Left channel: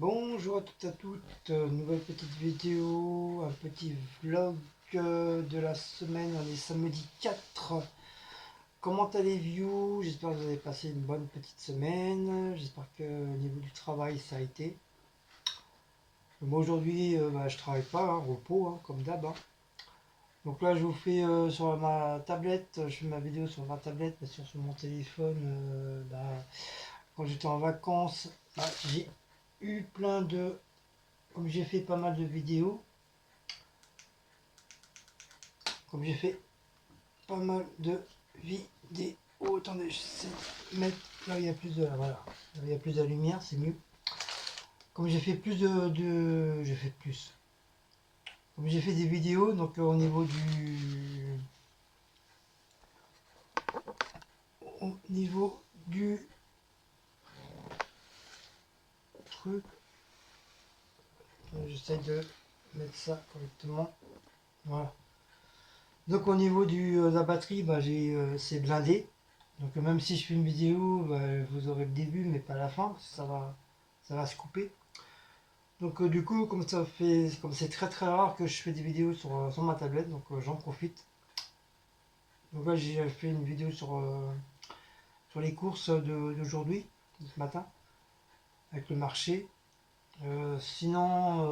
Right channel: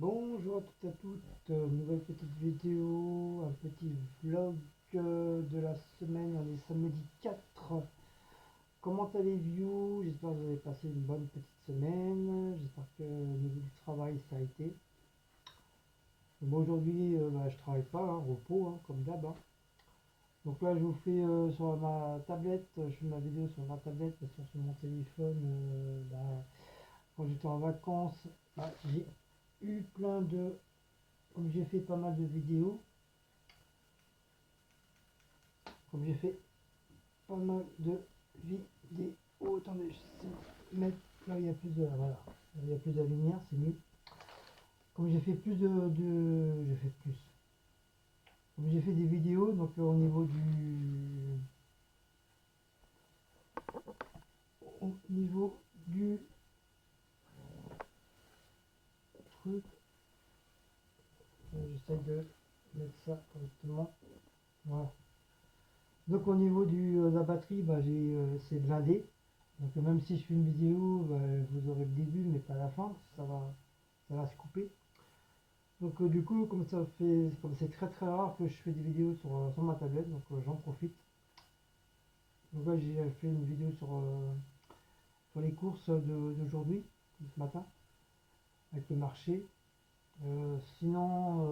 Bonjour à toutes et à toutes, nouvelle petite vidéo, un petit vlog de la semaine, on est samedi 4. Comment allez-vous? J'espère que vous avez passé une bonne petite semaine, j'espère que au niveau du travail ça a été. Moi aujourd'hui je travaille pas, hein, repos comme d'hab, hein. Donc là je vous fais sur ma tablette, je fais ma vidéo sur ma tablette, parce que sur mon téléphone, quand j'étais en vacances, j'ai eu plein de... Comme j'ai fait pas mal de vidéos, comme j'ai fait pas mal de vidéos. Attendez, je sais mettre là où il y a plus de... Voilà, là où il y a plus de lumière, c'est mieux. Comme j'ai fait plus de... J'ai fait plus. Comme j'ai fait des vidéos, donc au niveau du... Au niveau du truc, j'essaie de mettre ça correctement. Voilà. Donc au niveau de la batterie, c'est blindé. Donc même si je fais une vidéo, vous aurez le début mais pas la fin, parce que ça va se couper. Donc du coup, comme c'est très très rare que je fais des vidéos sur ma tablette, donc j'en profite. Donc là j'ai fait une vidéo sur les courses d'aujourd'hui, de ce matin, avec le marché. Sinon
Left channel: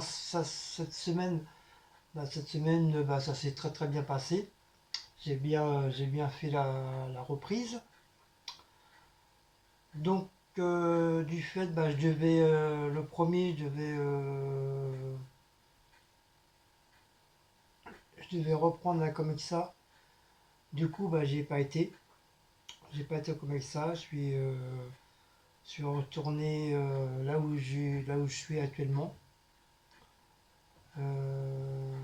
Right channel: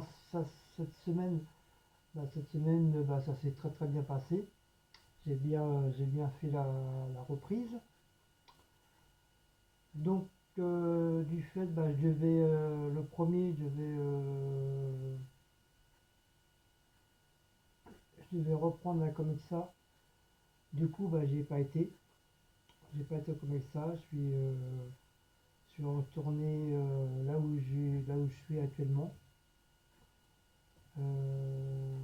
cette semaine ça s'est très très bien passé. J'ai bien fait la reprise. Donc du fait, je devais le premier, je devais reprendre la Comexa. Du coup, j'y ai pas été. J'ai pas été au Comexa. Je suis retourné là où je suis actuellement. Euh,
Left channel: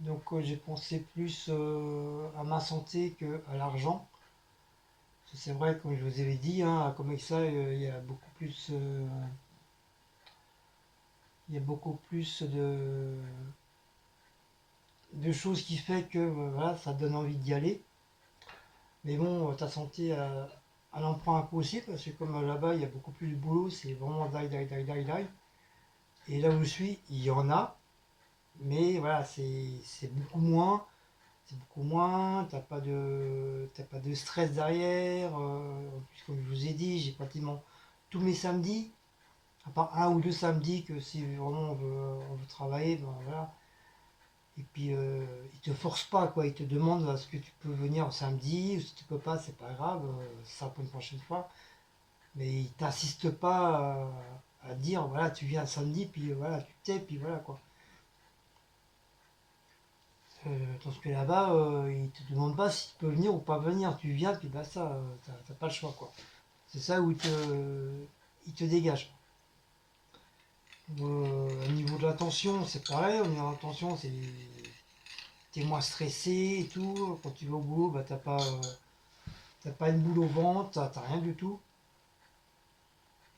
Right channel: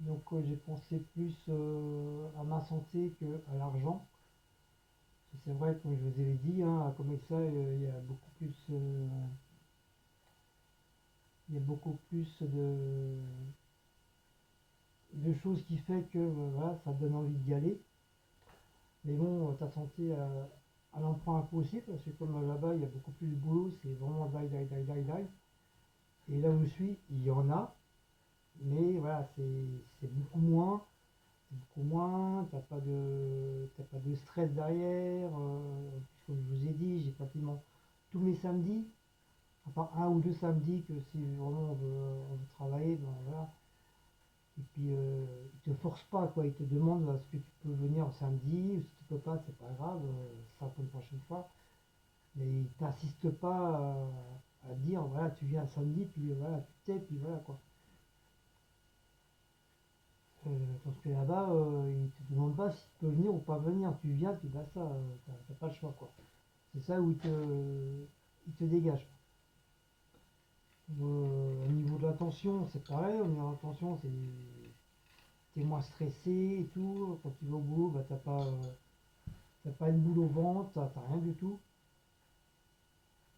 donc j'ai pensé plus à ma santé qu'à l'argent. C'est vrai, comme je vous avais dit, hein, à Comexa, il y a beaucoup plus, il y a beaucoup plus de choses qui fait que voilà, ça donne envie d'y aller. Mais bon, ta santé, elle en prend un coup aussi, parce que comme là-bas, il y a beaucoup plus de boulot, c'est vraiment die, die, die, die, die. Et là où je suis, il y en a, mais voilà, c'est beaucoup moins. C'est beaucoup moins, t'as pas de stress derrière. En plus, comme je vous ai dit, j'ai pratiquement tous mes samedis, à part un ou deux samedis que si vraiment on veut travailler, voilà. Et puis ils te forcent pas, quoi. Ils te demandent est-ce que tu peux venir samedi, ou si tu peux pas, c'est pas grave, ça pour une prochaine fois. Mais ils t'insistent pas à dire voilà, tu viens samedi, puis voilà, tu t'es, puis voilà quoi. Tandis que là-bas, ils te demandent pas si tu peux venir ou pas venir, tu viens, puis ça, t'as pas le choix quoi. C'est ça où ils te dégagent. Au niveau de l'attention, c'est pareil, au niveau de l'attention, t'es moins stressé et tout. Quand tu vas au boulot, t'as pas une boule au ventre, t'as rien du tout.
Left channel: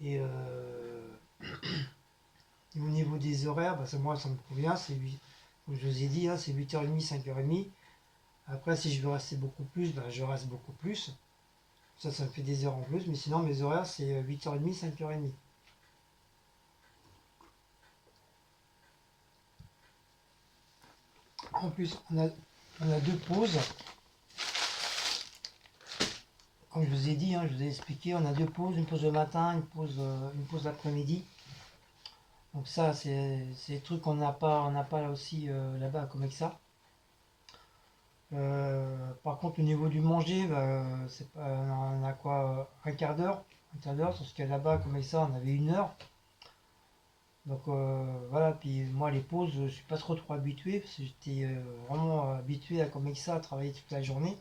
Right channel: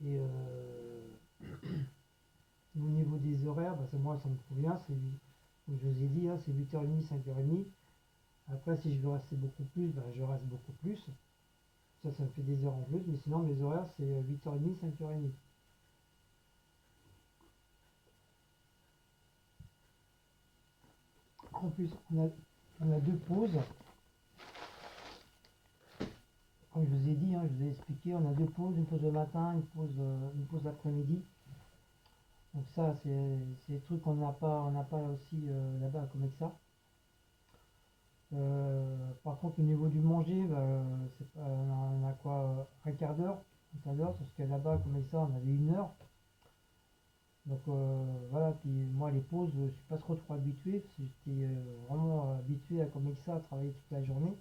Et au niveau des horaires, moi ça me convient, comme je vous ai dit, hein, c'est 8h30, 5h30. Après, si je veux rester beaucoup plus, je reste beaucoup plus. Ça me fait des heures en plus, mais sinon mes horaires c'est 8h30, 5h30. En plus, on a deux pauses. Comme je vous ai dit, hein, je vous ai expliqué, on a deux pauses, une pause le matin, une pause l'après-midi. Donc ça, c'est des trucs on n'a pas là aussi là-bas comme ça. Par contre, au niveau du manger, on a quoi un quart d'heure, parce que là-bas, comme ça, on avait 1 heure. Donc voilà, puis moi les pauses, je suis pas trop habitué, parce que j'étais vraiment habitué à comme ça, à travailler toute la journée.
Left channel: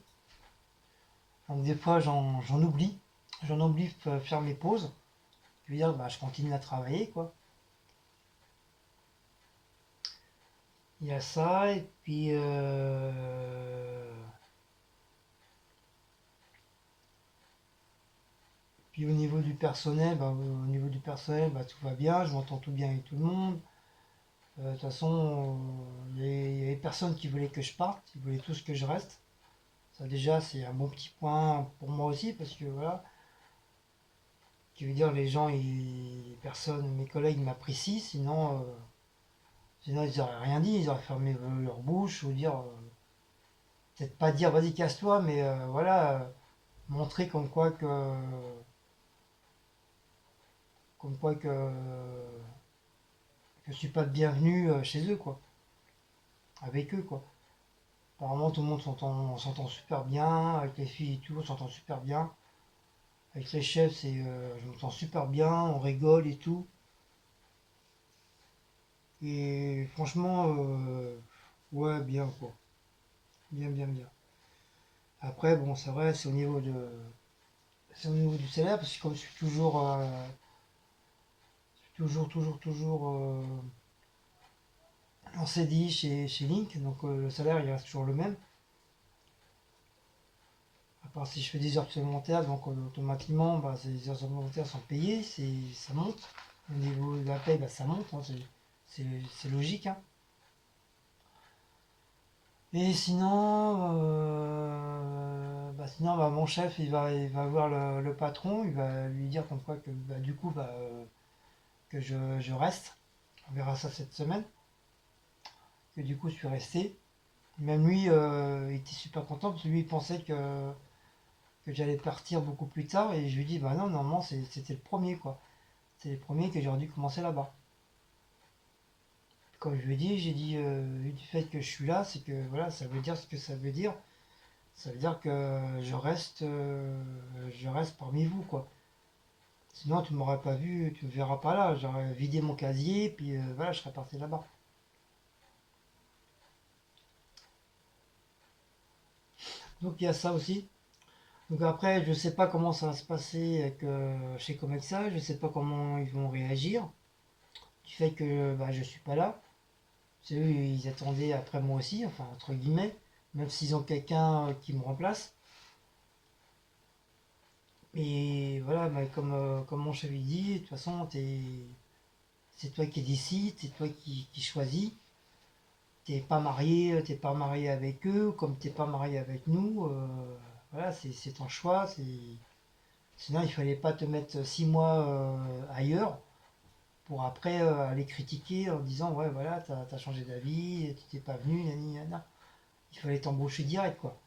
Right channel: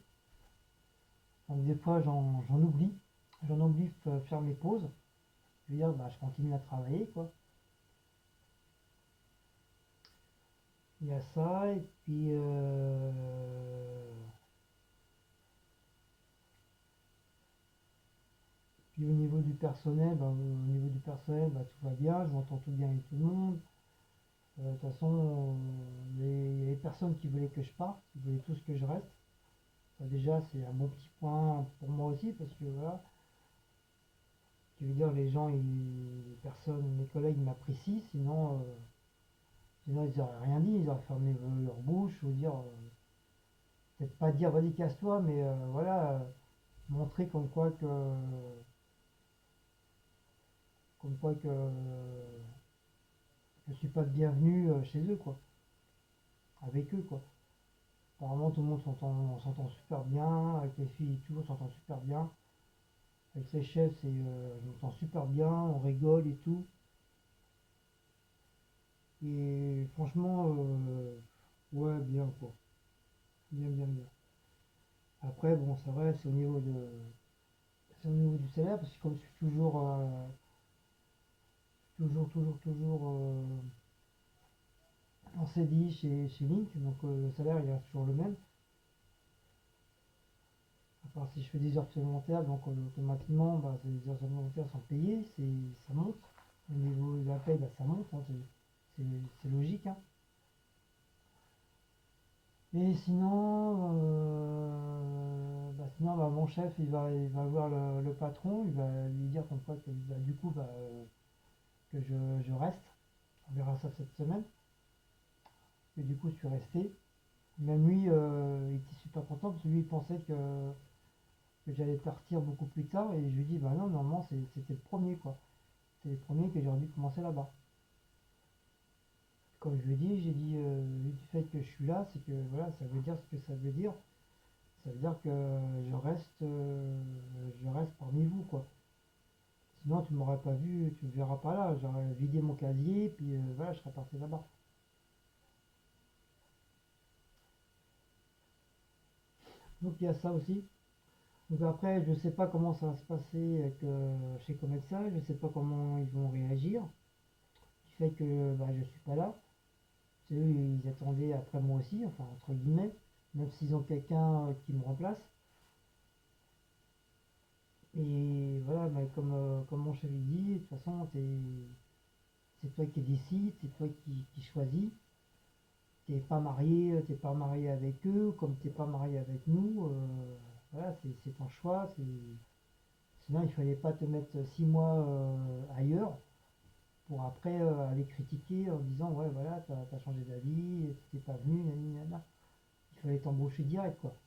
Donc des fois j'en oublie de faire mes pauses. Je veux dire, je continue à travailler quoi. Il y a ça, et puis au niveau du personnel, tout va bien, je m'entends tout bien avec tout le monde. De toute façon, il y avait personne qui voulait que je parte, ils voulaient tous que je reste. Ça déjà c'est un bon petit point pour moi aussi parce que voilà, qui veut dire les gens, personne, mes collègues m'apprécient, sinon ils n'auraient rien dit, ils auraient fermé leur bouche ou dire, peut-être pas dire vas-y casse-toi, mais voilà, montrer comme quoi que je suis pas le bienvenu chez eux quoi, avec eux quoi. Apparemment tout le monde s'entend, on s'entend super bien, avec les filles et tout, on s'entend super bien. Avec les chefs, je m'entends super bien, on rigole et tout. Et franchement, ouais, bien quoi. Bien, bien, bien. Après, bon, c'est vrai, c'est au niveau du salaire, parce que comme je suis toujours en CDI chez Link, donc le salaire il reste toujours le même. À part si je fais des heures supplémentaires, donc automatiquement, bah, ces heures supplémentaires sont payées, ça monte. Au niveau de la paye, bah, ça monte, hein, c'est, c'est logique. Hein. Et sinon, bah, mon chef, il va voir le patron, il va lui dire comme quoi que bah, du coup, que je reste. On verra ça cette semaine. Que du coup, je suis resté. Même lui, il était super content parce que lui, il pensait que j'allais partir beaucoup plus tard. Et je lui dis, bah non, normalement, c'était le premier, quoi. C'est le premier que j'aurais dû commencer là-bas. Comme je lui ai dit, j'ai dit, du fait que je suis là, c'est que voilà, ça veut dire ce que ça veut dire. Ça veut dire que je reste parmi vous, quoi. Sinon, tu m'aurais pas vu, tu me verras pas là. J'aurais vidé mon casier, puis voilà, je serais parti là-bas. Donc il y a ça aussi. Donc après, je sais pas comment ça va se passer chez Comexa, je sais pas comment ils vont réagir. Du fait que bah, je suis pas là. C'est eux, ils attendaient après moi aussi, enfin entre guillemets, même s'ils ont quelqu'un qui me remplace. Et voilà, bah, comme mon chef il dit, de toute façon, c'est toi qui décides, c'est toi qui choisis. T'es pas marié avec eux, comme t'es pas marié avec nous. Voilà, c'est ton choix. Sinon, il fallait pas te mettre 6 mois ailleurs pour après aller critiquer en disant ouais voilà t'as changé d'avis, tu t'es pas venu, nani, nana. Il fallait t'embaucher direct quoi.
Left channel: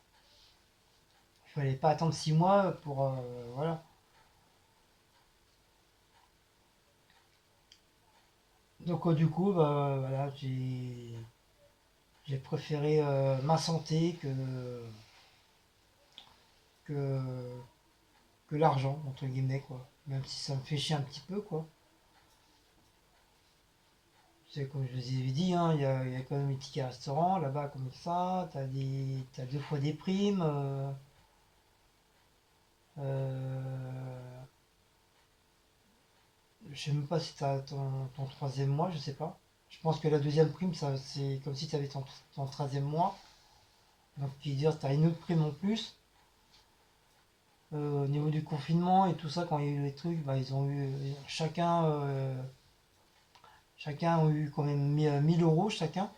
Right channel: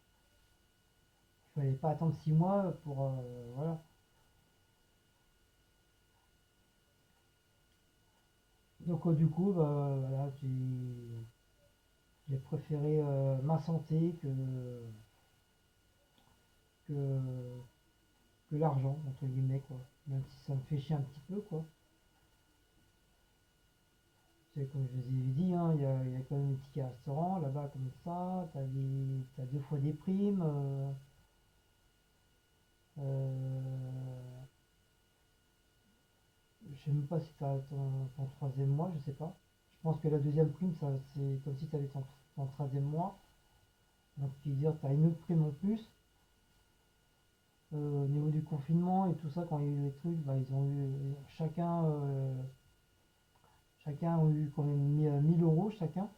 Il fallait pas attendre 6 mois pour voilà. Donc du coup bah, voilà j'ai préféré ma santé que que l'argent entre guillemets quoi. Même si ça me fait chier un petit peu quoi. C'est comme je vous ai dit, hein, il y a quand même les tickets restaurants là-bas comme ça, t'as 2 fois des primes. Euh, je sais même pas si t'as ton 3e mois, je sais pas. Je pense que la deuxième prime, ça, c'est comme si tu avais ton 13e mois. Donc, qui veut dire que tu as une autre prime en plus. Au niveau du confinement et tout ça, quand il y a eu les trucs, bah, ils ont eu chacun a eu quand même 1000 euros chacun.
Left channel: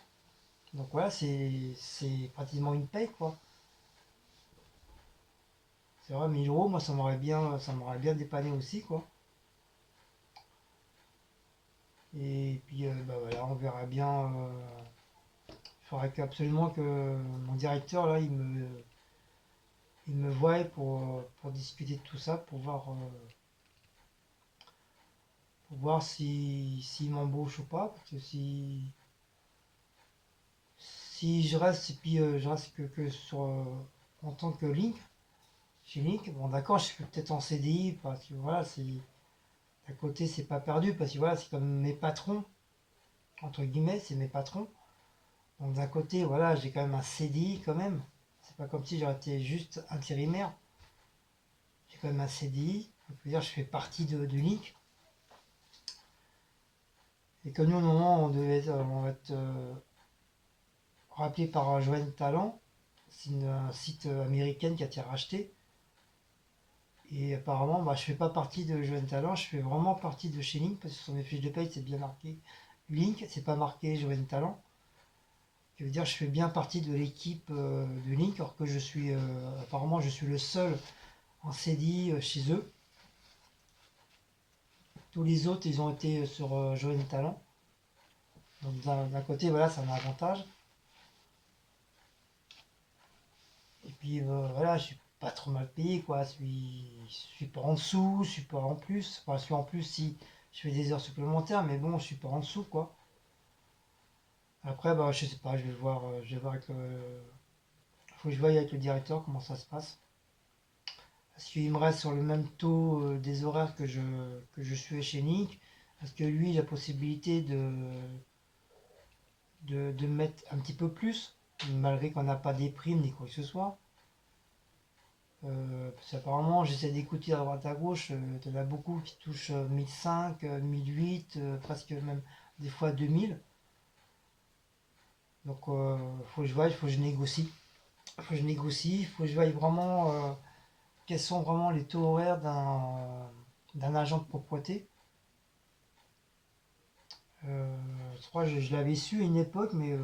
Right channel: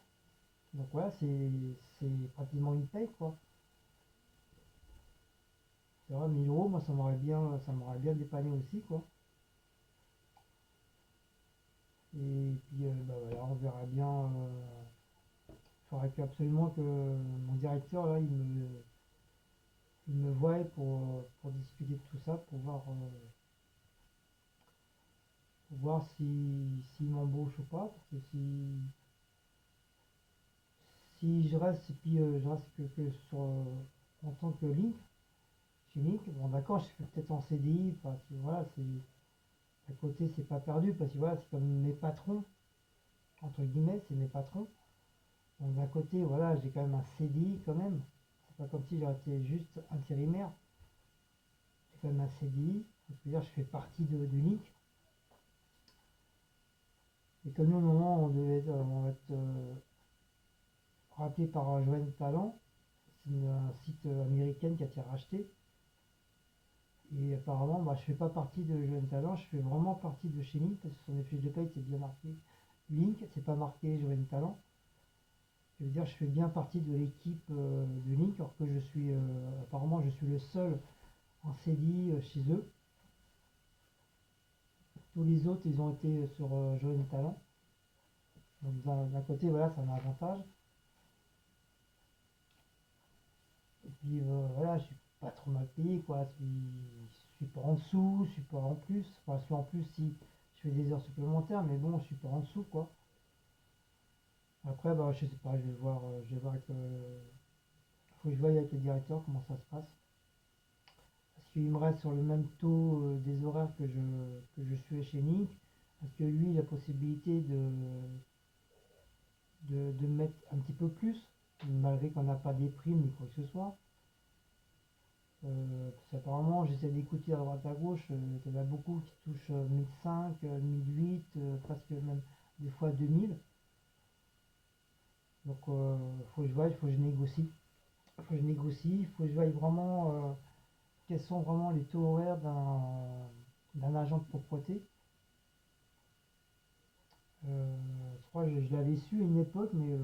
Donc voilà, c'est pratiquement une paye quoi. C'est vrai, 1000 euros, moi ça m'aurait bien dépanné aussi quoi. Et puis bah voilà, on verra bien. Il faudrait absolument que mon directeur là, il me voie pour discuter de tout ça, pour voir s'il m'embauche ou pas. Parce que si je reste, et puis je reste en tant que Link, chez Link, bon d'accord, je suis peut-être en CDI, parce que voilà, à côté c'est pas perdu, parce que voilà, c'est comme mes patrons, entre guillemets, c'est mes patrons. Donc d'un côté, voilà, j'ai quand même un CDI quand même. C'est pas comme si j'aurais été juste intérimaire. J'ai quand même un CDI. Donc, je veux dire, je fais partie de Link. Et que nous, normalement, on va être rappelé par Joanne Talent. C'est un site américain qui a été racheté. Et apparemment, bah, je fais pas partie de Joanne Talent, je fais vraiment partie de chez Link, parce que sur mes fiches de paye, c'est bien marqué Link, c'est pas marqué Joanne Talent. qui veut dire que je fais bien partie de l'équipe de Link, alors que je suis apparemment je suis le seul en CDI chez eux. Tous les autres, ils ont été sur Join Talent. Donc d'un côté, voilà, c'est un avantage. Et puis voilà, je suis pas trop mal payé, quoi. Je suis pas en dessous, je suis pas en plus. Enfin, je suis en plus si je fais des heures supplémentaires, mais bon, je suis pas en dessous, quoi. Après, bah, je sais pas, je vais voir avec le. Faut que je voie avec le directeur comment ça se passe. Est-ce qu'il me reste sur le même taux des horaires que je suis chez Nick? Est-ce que lui, il a la possibilité de mettre un petit peu plus, malgré qu'on n'a pas des primes ni quoi que ce soit? Parce qu'apparemment, j'essaie d'écouter à droite à gauche, il y en a beaucoup qui touchent 1005, 1008, presque même des fois 2000. Donc, faut que je voie, il faut que je négocie. Il faut que je voie vraiment quels sont vraiment les taux horaires d'un agent de propreté. Je crois que je l'avais su à une époque, mais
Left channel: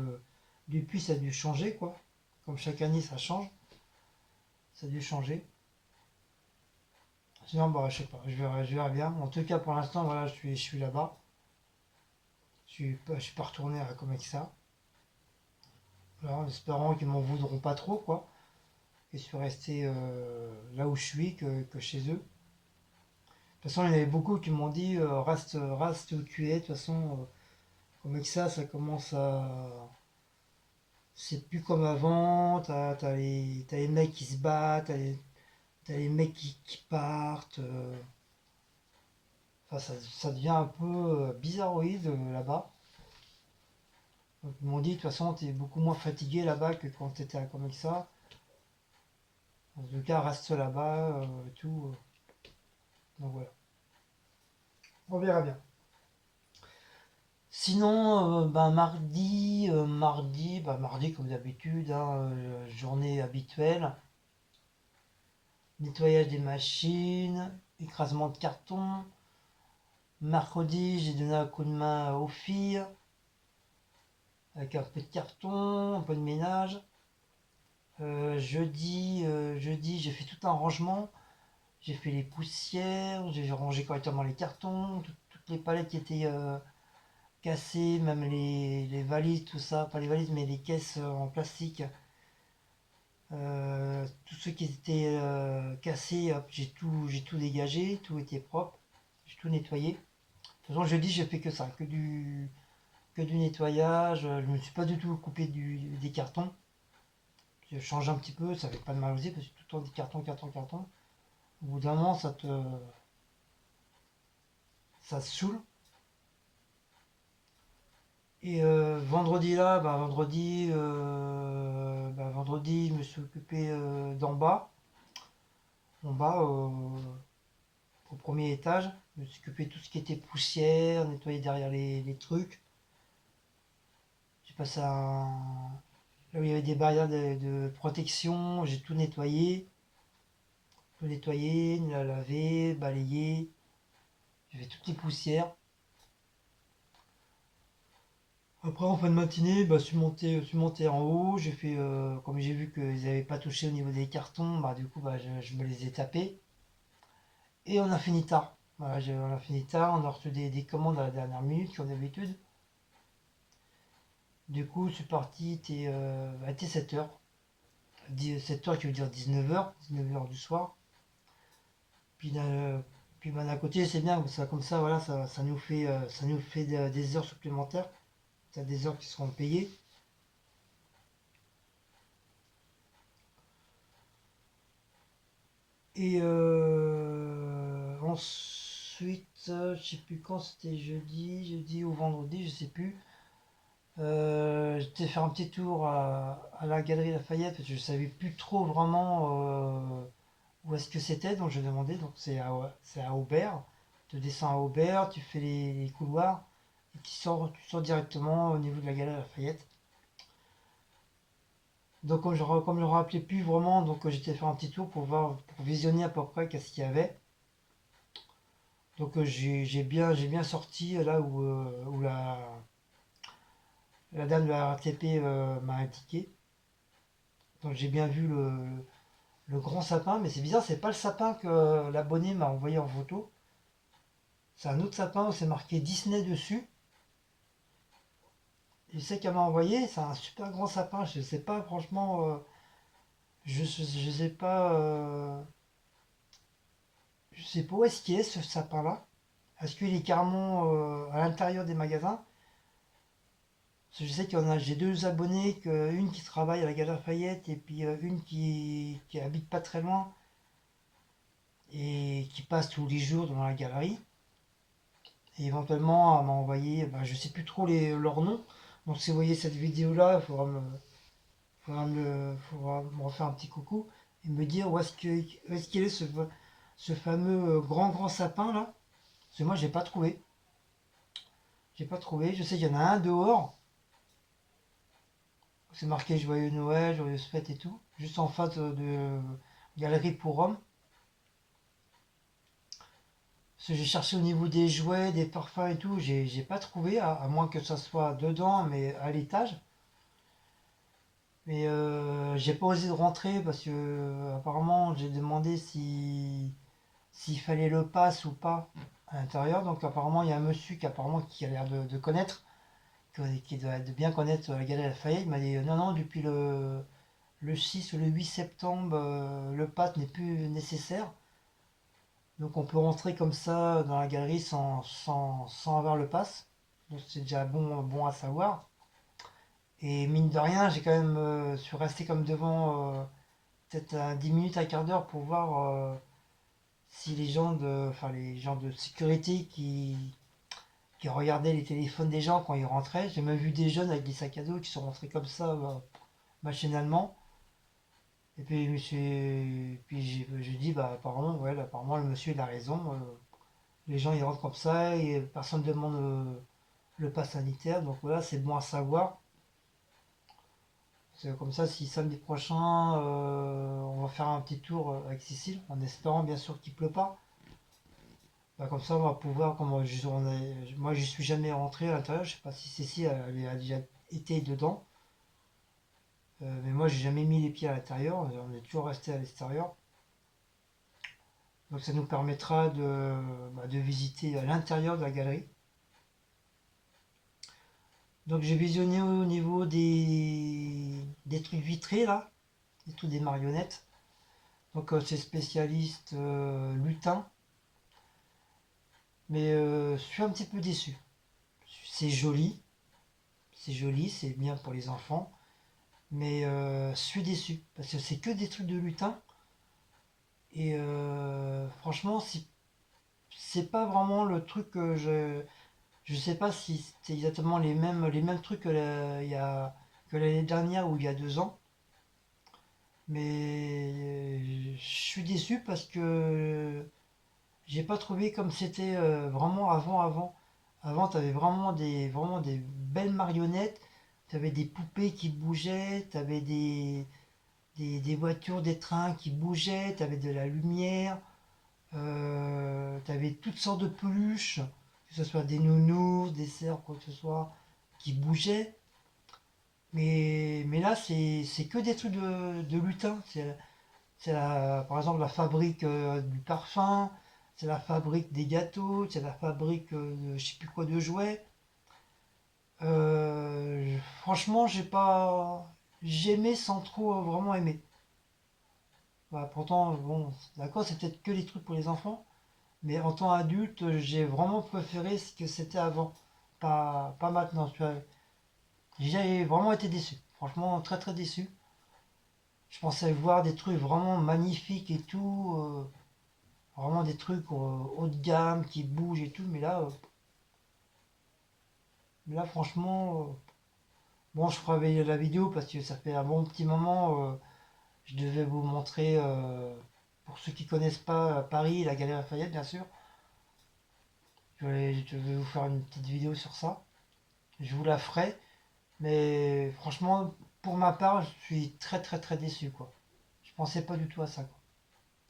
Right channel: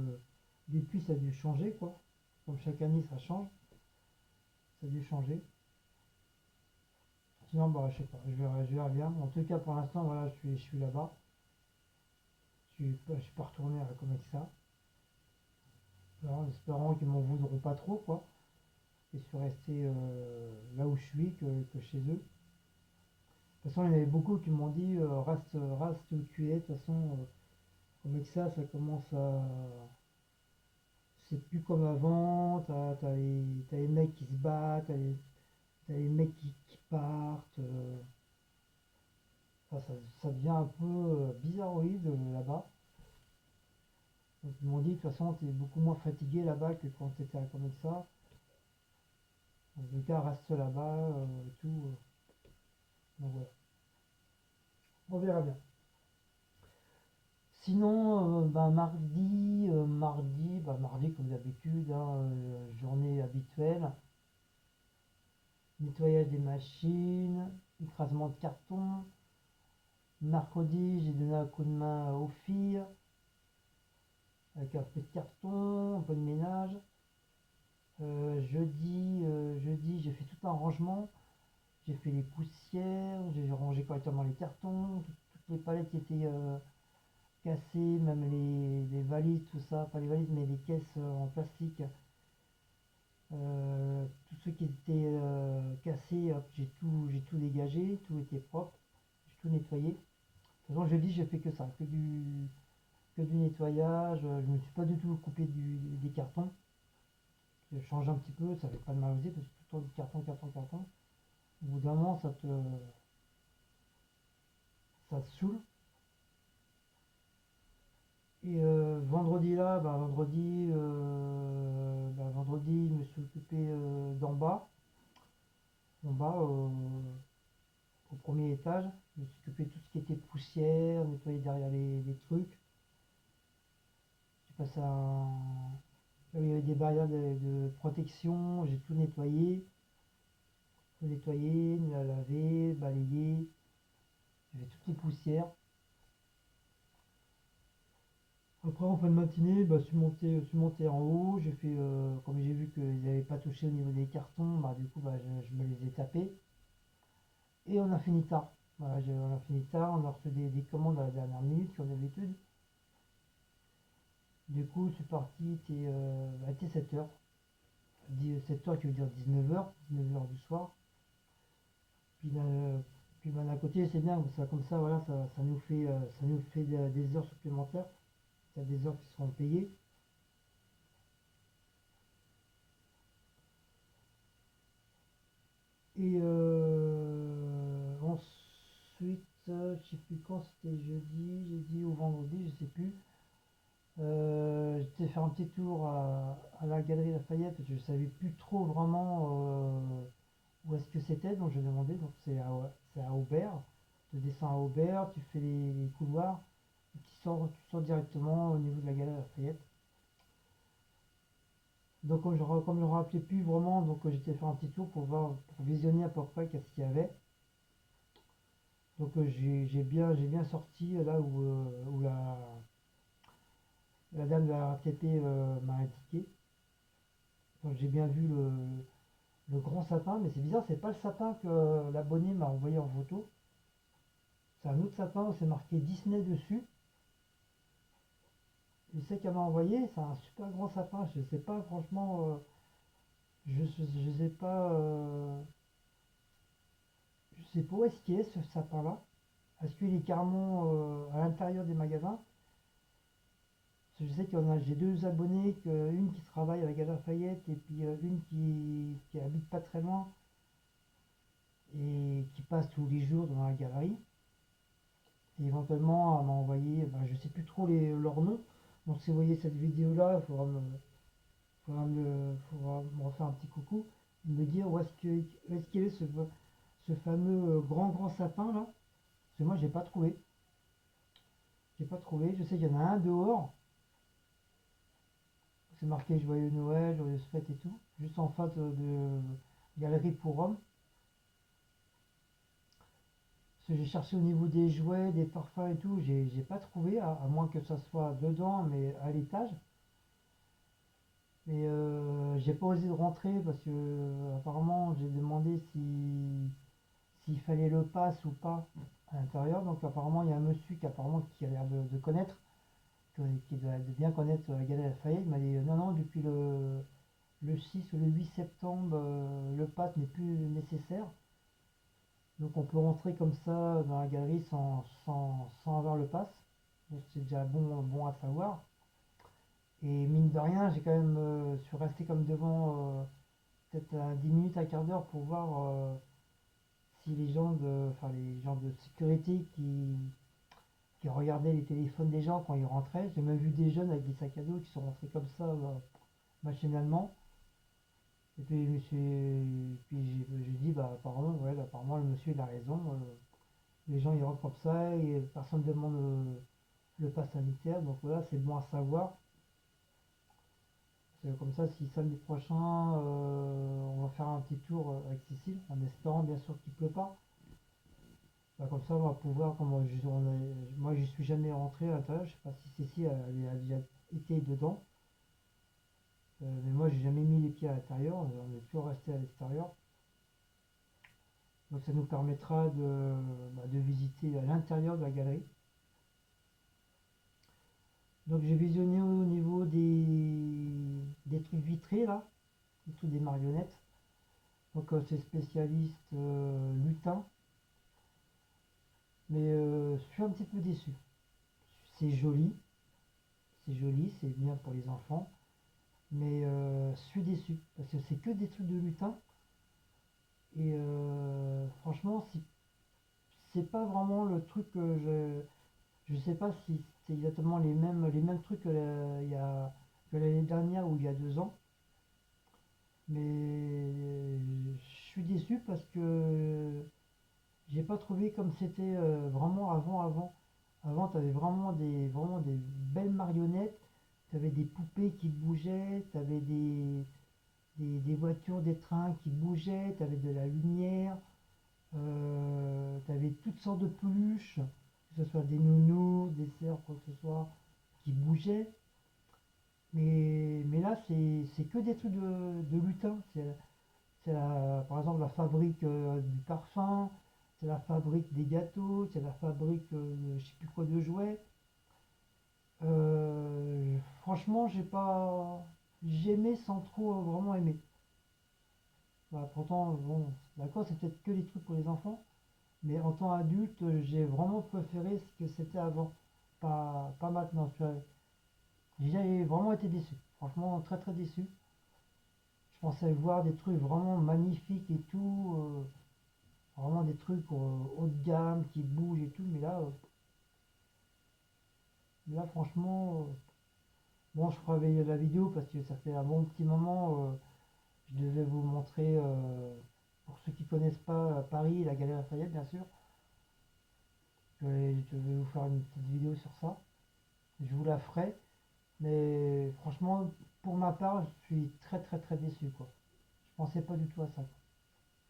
depuis ça a dû changer, quoi. Comme chaque année ça change, ça a dû changer. Sinon, bah, je sais pas, je verrai bien. En tout cas, pour l'instant, voilà, je suis là-bas. Je suis pas retourné à Comexa. Voilà, en espérant qu'ils m'en voudront pas trop, quoi. Et je suis resté là où je suis que chez eux. De toute façon, il y en avait beaucoup qui m'ont dit reste où tu es. De toute façon, Comexa, ça commence à. C'est plus comme avant. T'as les mecs qui se battent, t'as les mecs qui partent. Enfin, ça devient un peu bizarroïde là-bas. Donc, ils m'ont dit, de toute façon, t'es beaucoup moins fatigué là-bas que quand t'étais à Comexa. En tout cas, reste là-bas et tout. Donc voilà. On verra bien. Sinon, ben, mardi comme d'habitude, hein, journée habituelle, nettoyage des machines, écrasement de carton. Mercredi, j'ai donné un coup de main aux filles avec un peu de carton, un peu de ménage. Jeudi, j'ai fait tout un rangement. J'ai fait les poussières, j'ai rangé correctement les cartons, toutes les palettes qui étaient cassées, même les valises, tout ça, pas les valises, mais les caisses en plastique. Tous ceux qui étaient cassés, hop, j'ai tout dégagé, tout était propre, j'ai tout nettoyé. De toute façon, jeudi, j'ai fait que ça, que du nettoyage. Je me suis pas du tout occupé des cartons. Je change un petit peu, ça fait pas de mal aux yeux parce que tout le temps des cartons, cartons, cartons. Au bout d'un moment, ça te saoule. Et vendredi là, vendredi, je me suis occupé d'en bas, en bas au premier étage. Je me suis occupé de tout ce qui était poussière, nettoyer derrière les trucs. J'ai passé là où il y avait des barrières de protection, j'ai tout nettoyé, lavé, balayé. J'ai fait toutes les poussières. Après, en fin de matinée, je suis monté en haut. J'ai fait, comme j'ai vu qu'ils n'avaient pas touché au niveau des cartons, bah, du coup, bah, je me les ai tapés. Et on a fini tard. Voilà, on a fini tard. On a reçu des commandes à la dernière minute, comme d'habitude. Du coup, je suis parti, était 7h. 7h qui veut dire 19h, 19h du soir. Puis, puis d'un côté, c'est bien, ça, comme ça, voilà, ça nous fait des heures supplémentaires. Ça, des heures qui seront payées. Et ensuite, je sais plus quand c'était jeudi ou vendredi, je sais plus. J'étais faire un petit tour à la galerie Lafayette parce que je savais plus trop vraiment où est-ce que c'était, donc je demandais. Donc c'est à Aubert. Tu descends à Aubert, tu fais les couloirs et tu sors directement au niveau de la galerie Lafayette. Donc comme je me rappelais plus vraiment, donc j'étais faire un petit tour pour visionner à peu près qu'est-ce qu'il y avait. Donc j'ai bien sorti là où la dame de la RATP m'a indiqué. Donc j'ai bien vu le grand sapin, mais c'est bizarre, c'est pas le sapin que l'abonné m'a envoyé en photo. C'est un autre sapin où c'est marqué Disney dessus. Et c'est qu'elle m'a envoyé, c'est un super grand sapin. Je sais pas, franchement, je sais pas, je sais pas où est-ce qu'il est ce sapin-là. Est-ce qu'il est carrément à l'intérieur des magasins? Parce que je sais qu'il y en a, j'ai deux abonnés, une qui travaille à la Galerie Lafayette et puis une qui habite pas très loin et qui passe tous les jours dans la galerie. Et éventuellement, elle m'a envoyé, bah, je sais plus trop leurs noms. Donc si vous voyez cette vidéo-là, faudra me refaire un petit coucou et me dire où est-ce qu'il est ce fameux grand sapin là. Parce que moi, j'ai pas trouvé. J'ai pas trouvé. Je sais qu'il y en a un dehors. C'est marqué Joyeux Noël, Joyeuse Fête et tout. Juste en face de Galerie pour Hommes. Parce que j'ai cherché au niveau des jouets, des parfums et tout, j'ai pas trouvé, à moins que ça soit dedans, mais à l'étage. Mais j'ai pas osé de rentrer parce que apparemment j'ai demandé s'il fallait le pass ou pas à l'intérieur. Donc apparemment il y a un monsieur qui a l'air de connaître, qui doit de bien connaître la Galerie Lafayette. Il m'a dit non non, depuis le 6 ou le 8 septembre le pass n'est plus nécessaire. Donc on peut rentrer comme ça dans la galerie sans avoir le pass. Donc c'est déjà bon à savoir. Et mine de rien, j'ai quand même suis resté comme devant peut-être 10 minutes, un quart d'heure pour voir si les gens de sécurité qui regardaient les téléphones des gens quand ils rentraient. J'ai même vu des jeunes avec des sacs à dos qui sont rentrés comme ça machinalement. Et puis, j'ai dit, bah, apparemment, ouais, apparemment, le monsieur, il a raison. Les gens, ils rentrent comme ça et personne ne demande le pass sanitaire. Donc voilà, c'est bon à savoir. C'est comme ça, si samedi prochain, on va faire un petit tour avec Cécile, en espérant bien sûr qu'il pleut pas. Bah, comme ça, on va pouvoir, moi, je suis jamais rentré à l'intérieur. Je sais pas si Cécile a déjà été dedans. Mais moi, j'ai jamais mis les pieds à l'intérieur. On est toujours resté à l'extérieur. Donc ça nous permettra de visiter l'intérieur de la galerie. Donc j'ai visionné au niveau des trucs vitrés là, des trucs des marionnettes. Donc c'est spécialiste lutin. Mais je suis un petit peu déçu. C'est joli, c'est bien pour les enfants. Mais je suis déçu parce que c'est que des trucs de lutin. Et franchement, c'est pas vraiment le truc que je. Je sais pas si c'est exactement les mêmes trucs que l'année dernière ou il y a 2 ans. Mais je suis déçu parce que j'ai pas trouvé comme c'était vraiment avant. Avant, tu avais vraiment des belles marionnettes. Tu avais des poupées qui bougeaient. Tu avais des voitures, des trains qui bougeaient. Tu avais de la lumière. Tu avais toutes sortes de peluches, que ce soit des nounous, des cerfs, quoi que ce soit, qui bougeaient. Mais là, c'est que des trucs de lutin. Par exemple la fabrique du parfum, c'est la fabrique des gâteaux, c'est la fabrique de je sais plus quoi de jouets. Franchement, j'ai aimé sans trop vraiment aimer. Bah, pourtant, bon, d'accord, c'est peut-être que les trucs pour les enfants, mais en tant adulte, j'ai vraiment préféré ce que c'était avant, pas maintenant. Tu vois. J'ai vraiment été déçu, franchement très très déçu. Je pensais voir des trucs vraiment magnifiques et tout, vraiment des trucs haut de gamme qui bougent et tout, mais là franchement, bon, je ferai la vidéo parce que ça fait un bon petit moment. Je devais vous montrer, pour ceux qui connaissent pas Paris, la Galerie Lafayette, bien sûr. Je vais vous faire une petite vidéo sur ça. Je vous la ferai, mais franchement, pour ma part, je suis très très très déçu, quoi. Je pensais pas du tout à ça, quoi.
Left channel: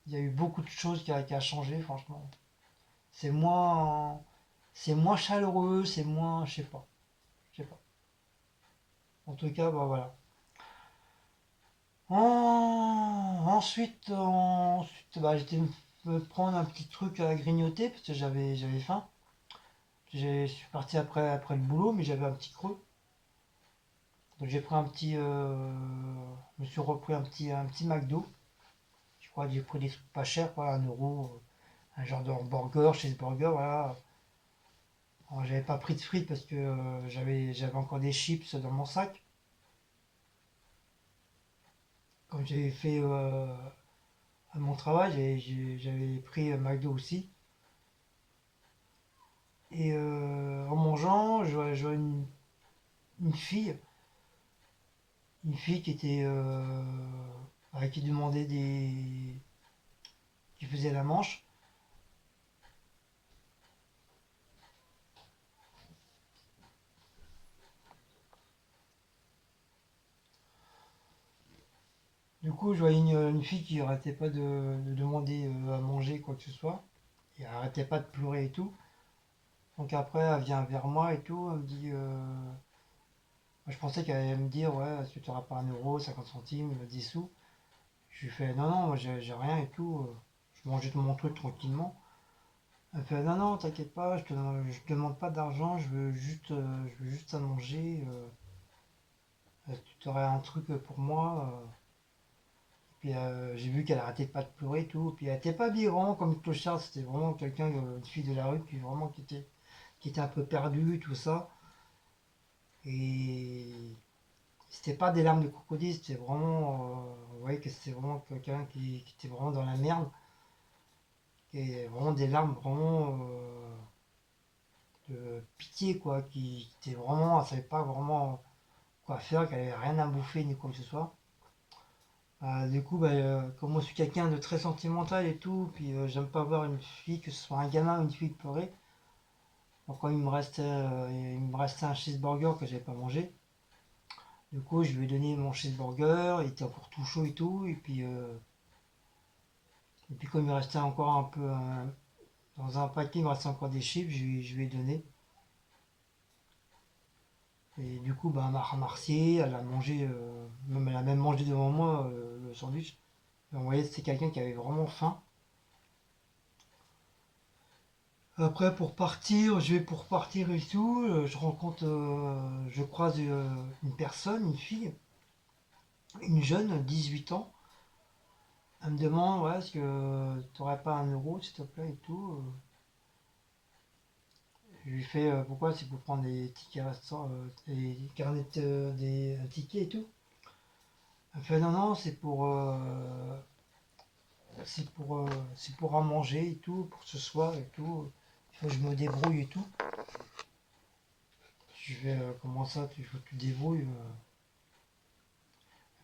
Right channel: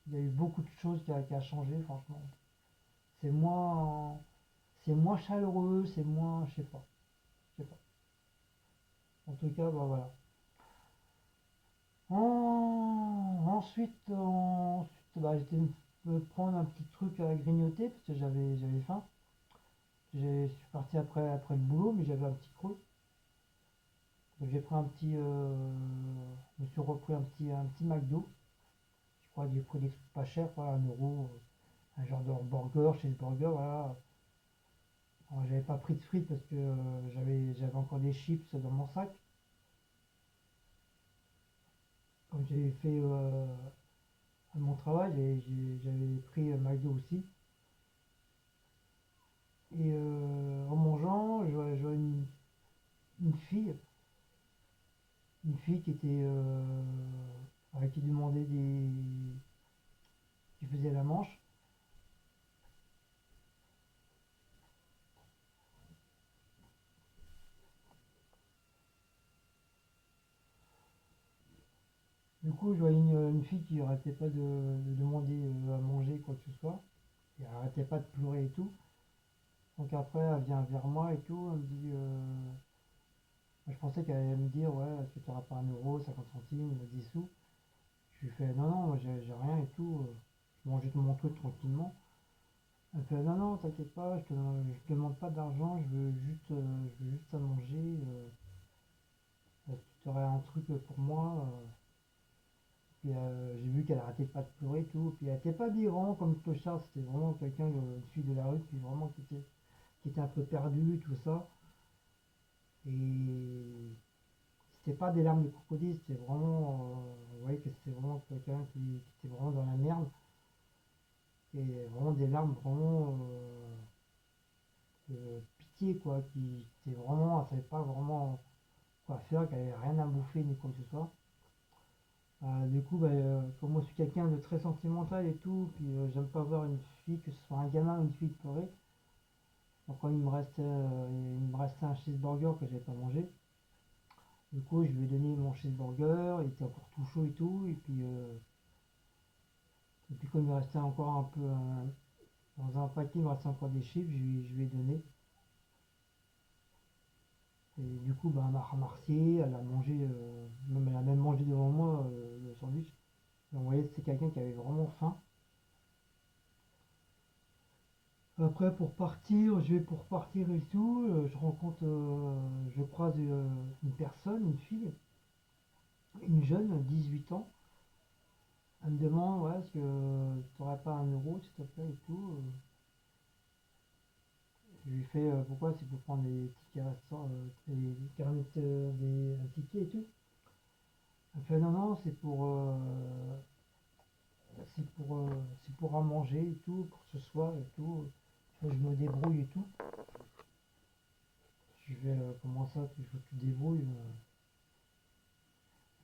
Il y a eu beaucoup de choses qui a changé, franchement. C'est moins, c'est moins chaleureux, c'est moins, je sais pas. En tout cas, bah voilà. Ensuite, bah, j'étais me prendre un petit truc à grignoter parce que j'avais faim. Je suis parti après le boulot, mais j'avais un petit creux. Donc j'ai pris un petit. Je me suis repris un petit McDo. Je crois que j'ai pris des trucs pas chers, quoi, 1 euro. Un genre de hamburger, cheeseburger, voilà. Alors, j'avais pas pris de frites parce que j'avais encore des chips dans mon sac. Quand j'ai fait à mon travail, j'avais pris McDo aussi. Et en mangeant, je vois une fille, une fille qui était qui demandait qui faisait la manche. Du coup, je voyais une fille qui arrêtait pas de demander à manger quoi que ce soit. Et elle arrêtait pas de pleurer et tout. Donc après, elle vient vers moi et tout. Elle me dit, moi, je pensais qu'elle allait me dire, ouais, est-ce que tu n'auras pas 1 euro, 50 centimes, 10 sous. Je lui fais, non, non, moi j'ai rien et tout. Je mangeais tout mon truc tranquillement. Elle fait, non, non, t'inquiète pas, je te demande pas d'argent, je veux juste à manger. Tu aurais un truc pour moi. Puis j'ai vu qu'elle arrêtait pas de pleurer et tout. Puis elle était pas habillée vraiment comme une clochard, c'était vraiment quelqu'un, une fille de la rue qui était un peu perdue, tout ça. Et c'était pas des larmes de crocodile, c'était vraiment. Vous voyez que c'était vraiment quelqu'un qui était vraiment dans la merde. Et vraiment des larmes vraiment de pitié, quoi. Qui était vraiment. Elle savait pas vraiment quoi faire, qu'elle avait rien à bouffer ni quoi que ce soit. Du coup, bah, comme moi je suis quelqu'un de très sentimental et tout, puis j'aime pas voir une fille, que ce soit un gamin ou une fille pleurer. Donc quand il me restait un cheeseburger que j'avais pas mangé. Du coup, je lui ai donné mon cheeseburger, il était encore tout chaud et tout, et puis comme il me restait encore un peu dans un paquet, il me restait encore des chips, je lui ai donné. Et du coup, bah, elle m'a remercié, elle a mangé, même elle a même mangé devant moi le sandwich. Et on voyait que c'était quelqu'un qui avait vraiment faim. Après, pour partir et tout, je croise une personne, une fille, une jeune, 18 ans. Elle me demande, ouais, est-ce que tu n'aurais pas 1 euro, s'il te plaît, et tout. Je lui fais, pourquoi? C'est pour prendre des tickets restaurants, des carnets, des tickets et tout. Elle fait, non, non, c'est pour à manger et tout, pour ce soir et tout. Il faut que je me débrouille et tout. Je fais, comment ça, il faut que tu te débrouilles?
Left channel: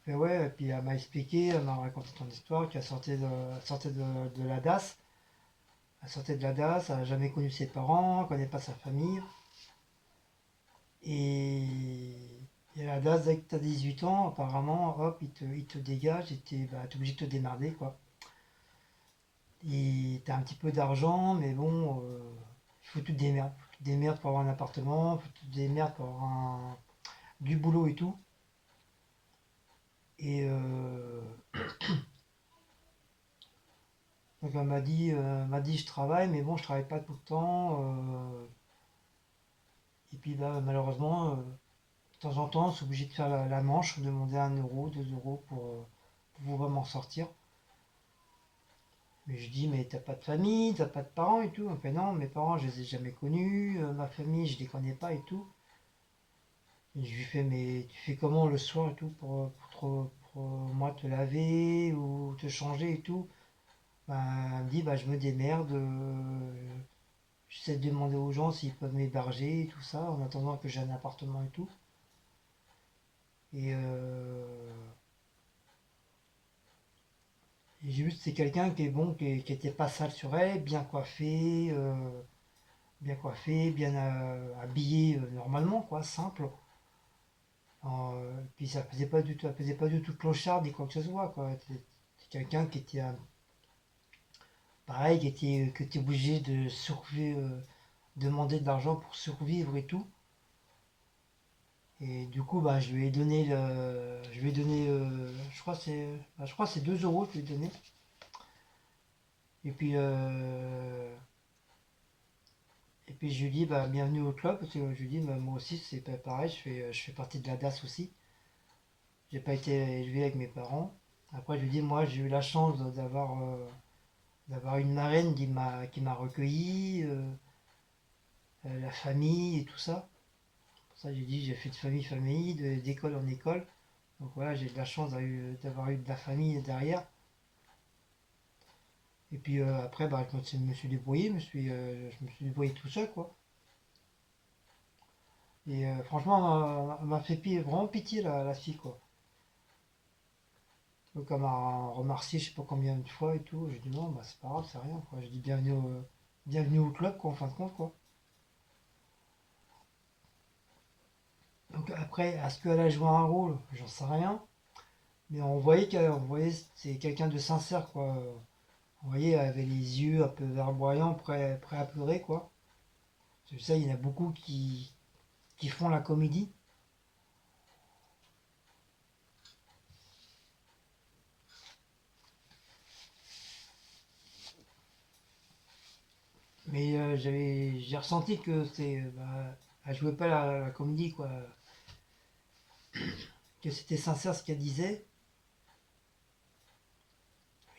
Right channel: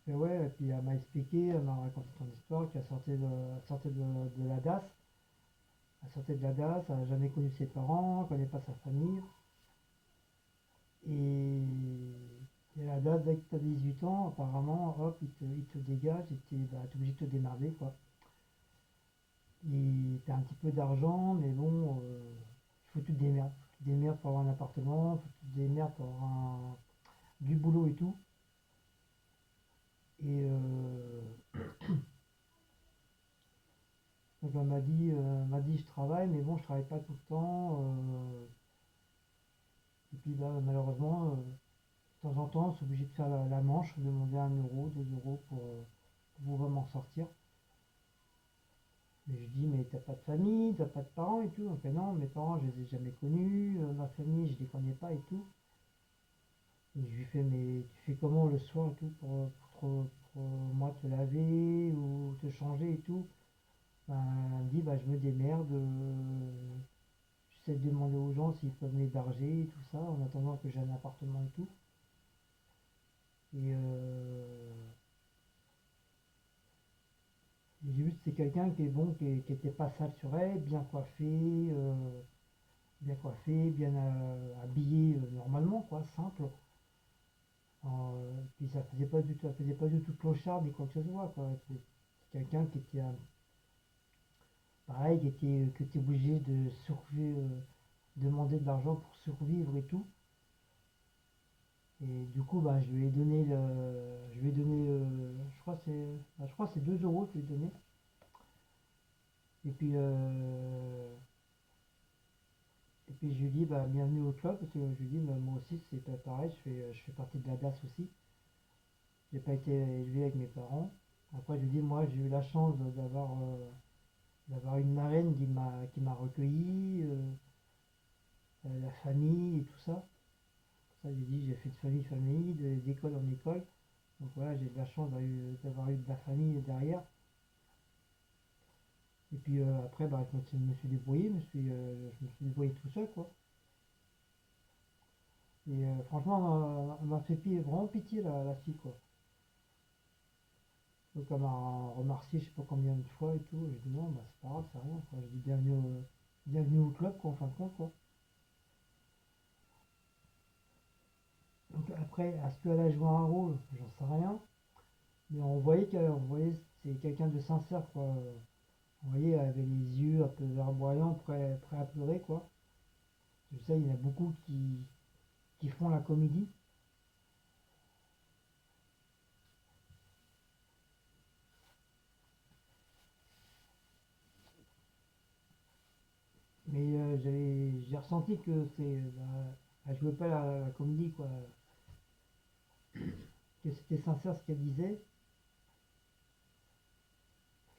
Et ouais, et puis elle m'a expliqué, elle m'a raconté ton histoire, qu'elle sortait de la DAS. Elle sortait de la DAS, elle n'a jamais connu ses parents, elle connaît pas sa famille. Et, et la DAS, dès que tu as 18 ans, apparemment, hop, il te dégage et t'es obligé de te démerder, quoi. Et t'as un petit peu d'argent, mais bon, il faut que tu te démerdes. Faut que tu te démerdes pour avoir un appartement, il faut que tu te démerdes pour avoir du boulot et tout. Et donc elle m'a dit je travaille, mais bon, je travaille pas tout le temps. Et puis bah, malheureusement, de temps en temps, c'est obligé de faire la manche, demander 1 euro, 2 euros pour pouvoir m'en sortir. Mais je dis, mais t'as pas de famille, t'as pas de parents et tout. Elle me fait non, mes parents, je les ai jamais connus, ma famille, je les connais pas et tout. Et je lui fais, mais tu fais comment le soir et tout pour moi te laver ou te changer et tout. Ben, elle me dit, bah, je me démerde, j'essaie de demander aux gens s'ils peuvent m'héberger et tout ça, en attendant que j'ai un appartement et tout. Et, et j'ai vu que c'est quelqu'un qui est bon, qui était pas sale sur elle, bien coiffé, bien habillé normalement, quoi, simple. Puis ça faisait pas du tout clochard ni quoi que ce soit, quoi. C'est quelqu'un qui était pareil, qui était obligé de survivre, demander de l'argent pour survivre et tout. Et du coup, bah, je lui ai donné je lui ai donné, je crois que c'est 2 euros que je lui ai donné. Et puis, je lui dis, bah, bienvenue au club, parce que je lui dis, bah, moi aussi, c'est pas pareil, je fais partie de la DAS aussi. J'ai pas été élevé avec mes parents. Après, je lui dis, moi, j'ai eu la chance d'avoir une marraine qui m'a recueilli, la famille et tout ça. Pour ça, j'ai dit, j'ai fait de famille, d'école en école. Donc voilà, j'ai de la chance d'avoir eu de la famille derrière. Et puis après, bah, je me suis débrouillé, je me suis débrouillé tout seul, quoi. Et franchement, elle m'a fait vraiment pitié, la fille, quoi. Donc elle m'a remercié, je sais pas combien de fois et tout. J'ai dit non, bah c'est pas grave, c'est rien, quoi. J'ai dit bienvenue au club, quoi, en fin de compte, quoi. Donc après, est-ce qu'elle a joué un rôle? J'en sais rien. Mais on voyait c'est quelqu'un de sincère, quoi. On voyait, elle avait les yeux un peu verdoyants, prêt à pleurer, quoi. C'est ça, il y en a beaucoup qui font la comédie. Mais j'ai ressenti que elle jouait pas la comédie, quoi. Que c'était sincère ce qu'elle disait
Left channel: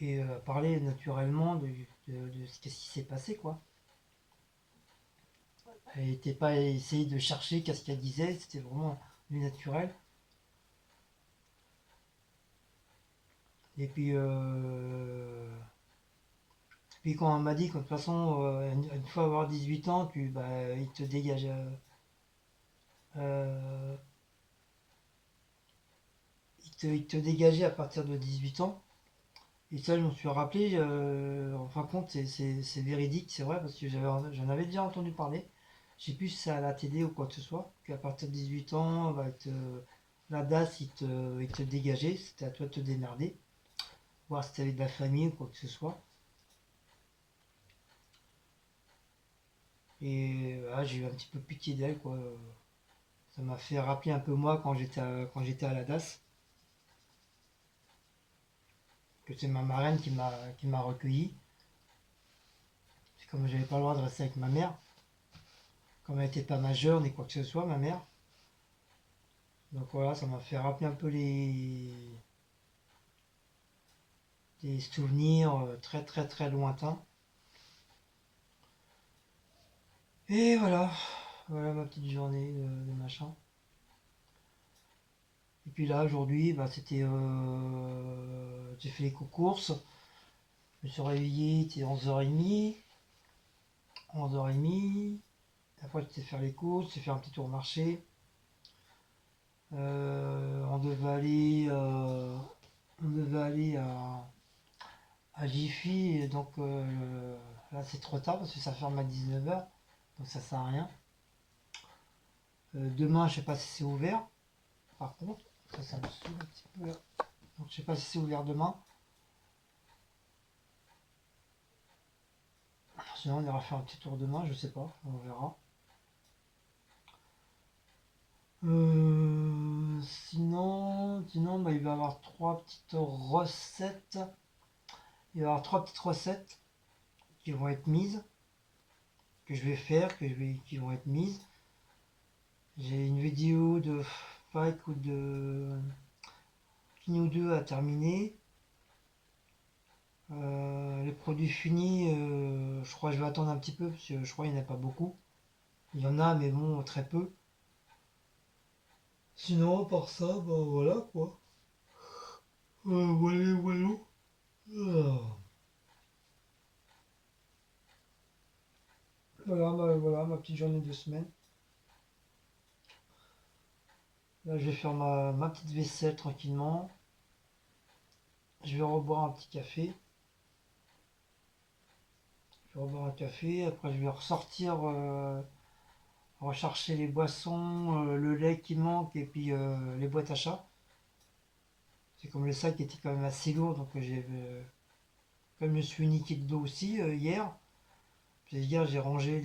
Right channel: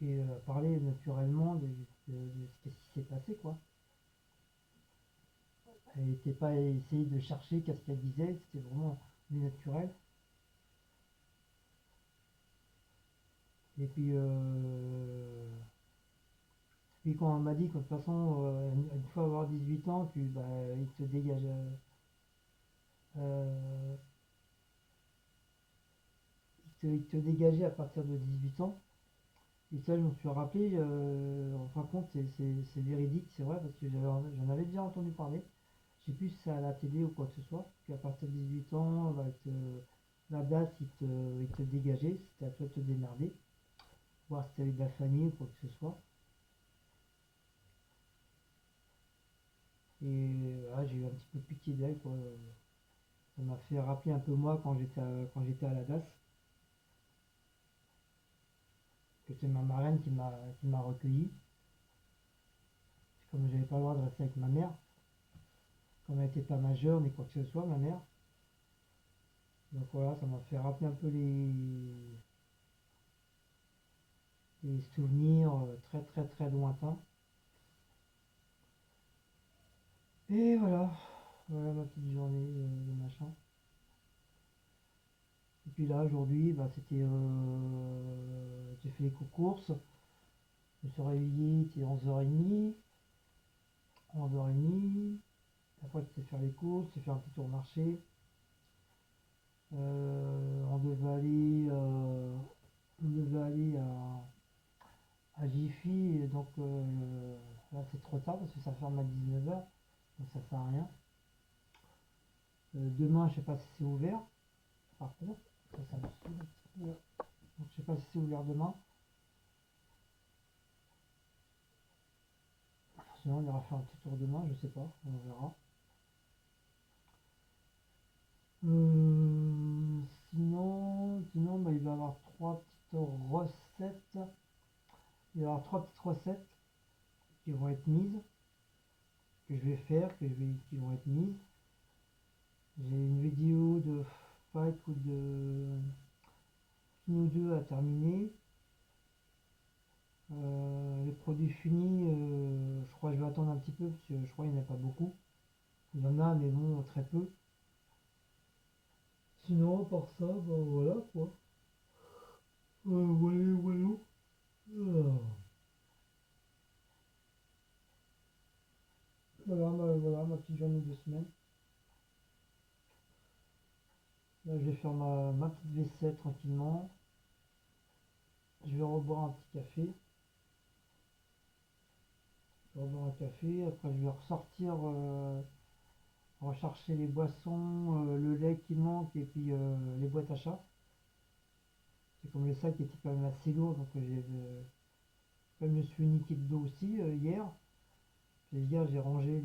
et parler naturellement de ce qui s'est passé, quoi. Elle n'était pas essayé de chercher qu'est-ce qu'elle disait, c'était vraiment du naturel. Et puis quand elle m'a dit que de toute façon, une fois avoir 18 ans, bah, il te dégage. Euh, il te dégageait à partir de 18 ans. Et ça, je me suis rappelé, en fin de compte, c'est véridique, c'est vrai, parce que j'en avais déjà entendu parler. Je sais plus si c'est à la télé ou quoi que ce soit, qu'à partir de 18 ans, bah, la DAS, il te dégageait, c'était à toi de te démerder, voir si t'avais de la famille ou quoi que ce soit. Et j'ai eu un petit peu pitié d'elle, quoi. Ça m'a fait rappeler un peu moi quand j'étais à la DAS, que c'est ma marraine qui m'a recueilli. C'est comme j'avais pas le droit de rester avec ma mère, comme elle n'était pas majeure ni quoi que ce soit, ma mère. Donc voilà, ça m'a fait rappeler un peu des souvenirs très très très lointains. Et voilà, voilà ma petite journée de machin. Et puis là, aujourd'hui, bah, j'ai fait les courses. Je me suis réveillé, il était 11h30. 11h30. Après, j'étais faire les courses, j'ai fait un petit tour au marché. On devait aller, à Jiffy, et donc là c'est trop tard parce que ça ferme à 19h, donc ça sert à rien. Demain, je sais pas si c'est ouvert, par contre, ça me saoule un petit peu là. Donc je sais pas si c'est ouvert demain. Sinon, on ira faire un petit tour demain, je sais pas, on verra. Sinon bah, il va y avoir trois petites recettes. Il va y avoir trois petites recettes qui vont être mises, que je vais faire, qui vont être mises. J'ai une vidéo de 5 ou de fini ou deux à terminer. Les produits finis, je crois que je vais attendre un petit peu parce que je crois qu'il n'y en a pas beaucoup. Il y en a, mais bon, très peu. Sinon, par ça, bah voilà quoi. Voilà, voilà. Ah. Voilà ma petite journée de semaine. Là, je vais faire ma petite vaisselle tranquillement. Je vais reboire un petit café. Je vais reboire un café. Après, je vais ressortir, rechercher les boissons, le lait qui manque et puis les boîtes à chat. C'est comme le sac était quand même assez lourd, donc comme je me suis niqué de dos aussi hier. Puis hier, j'ai rangé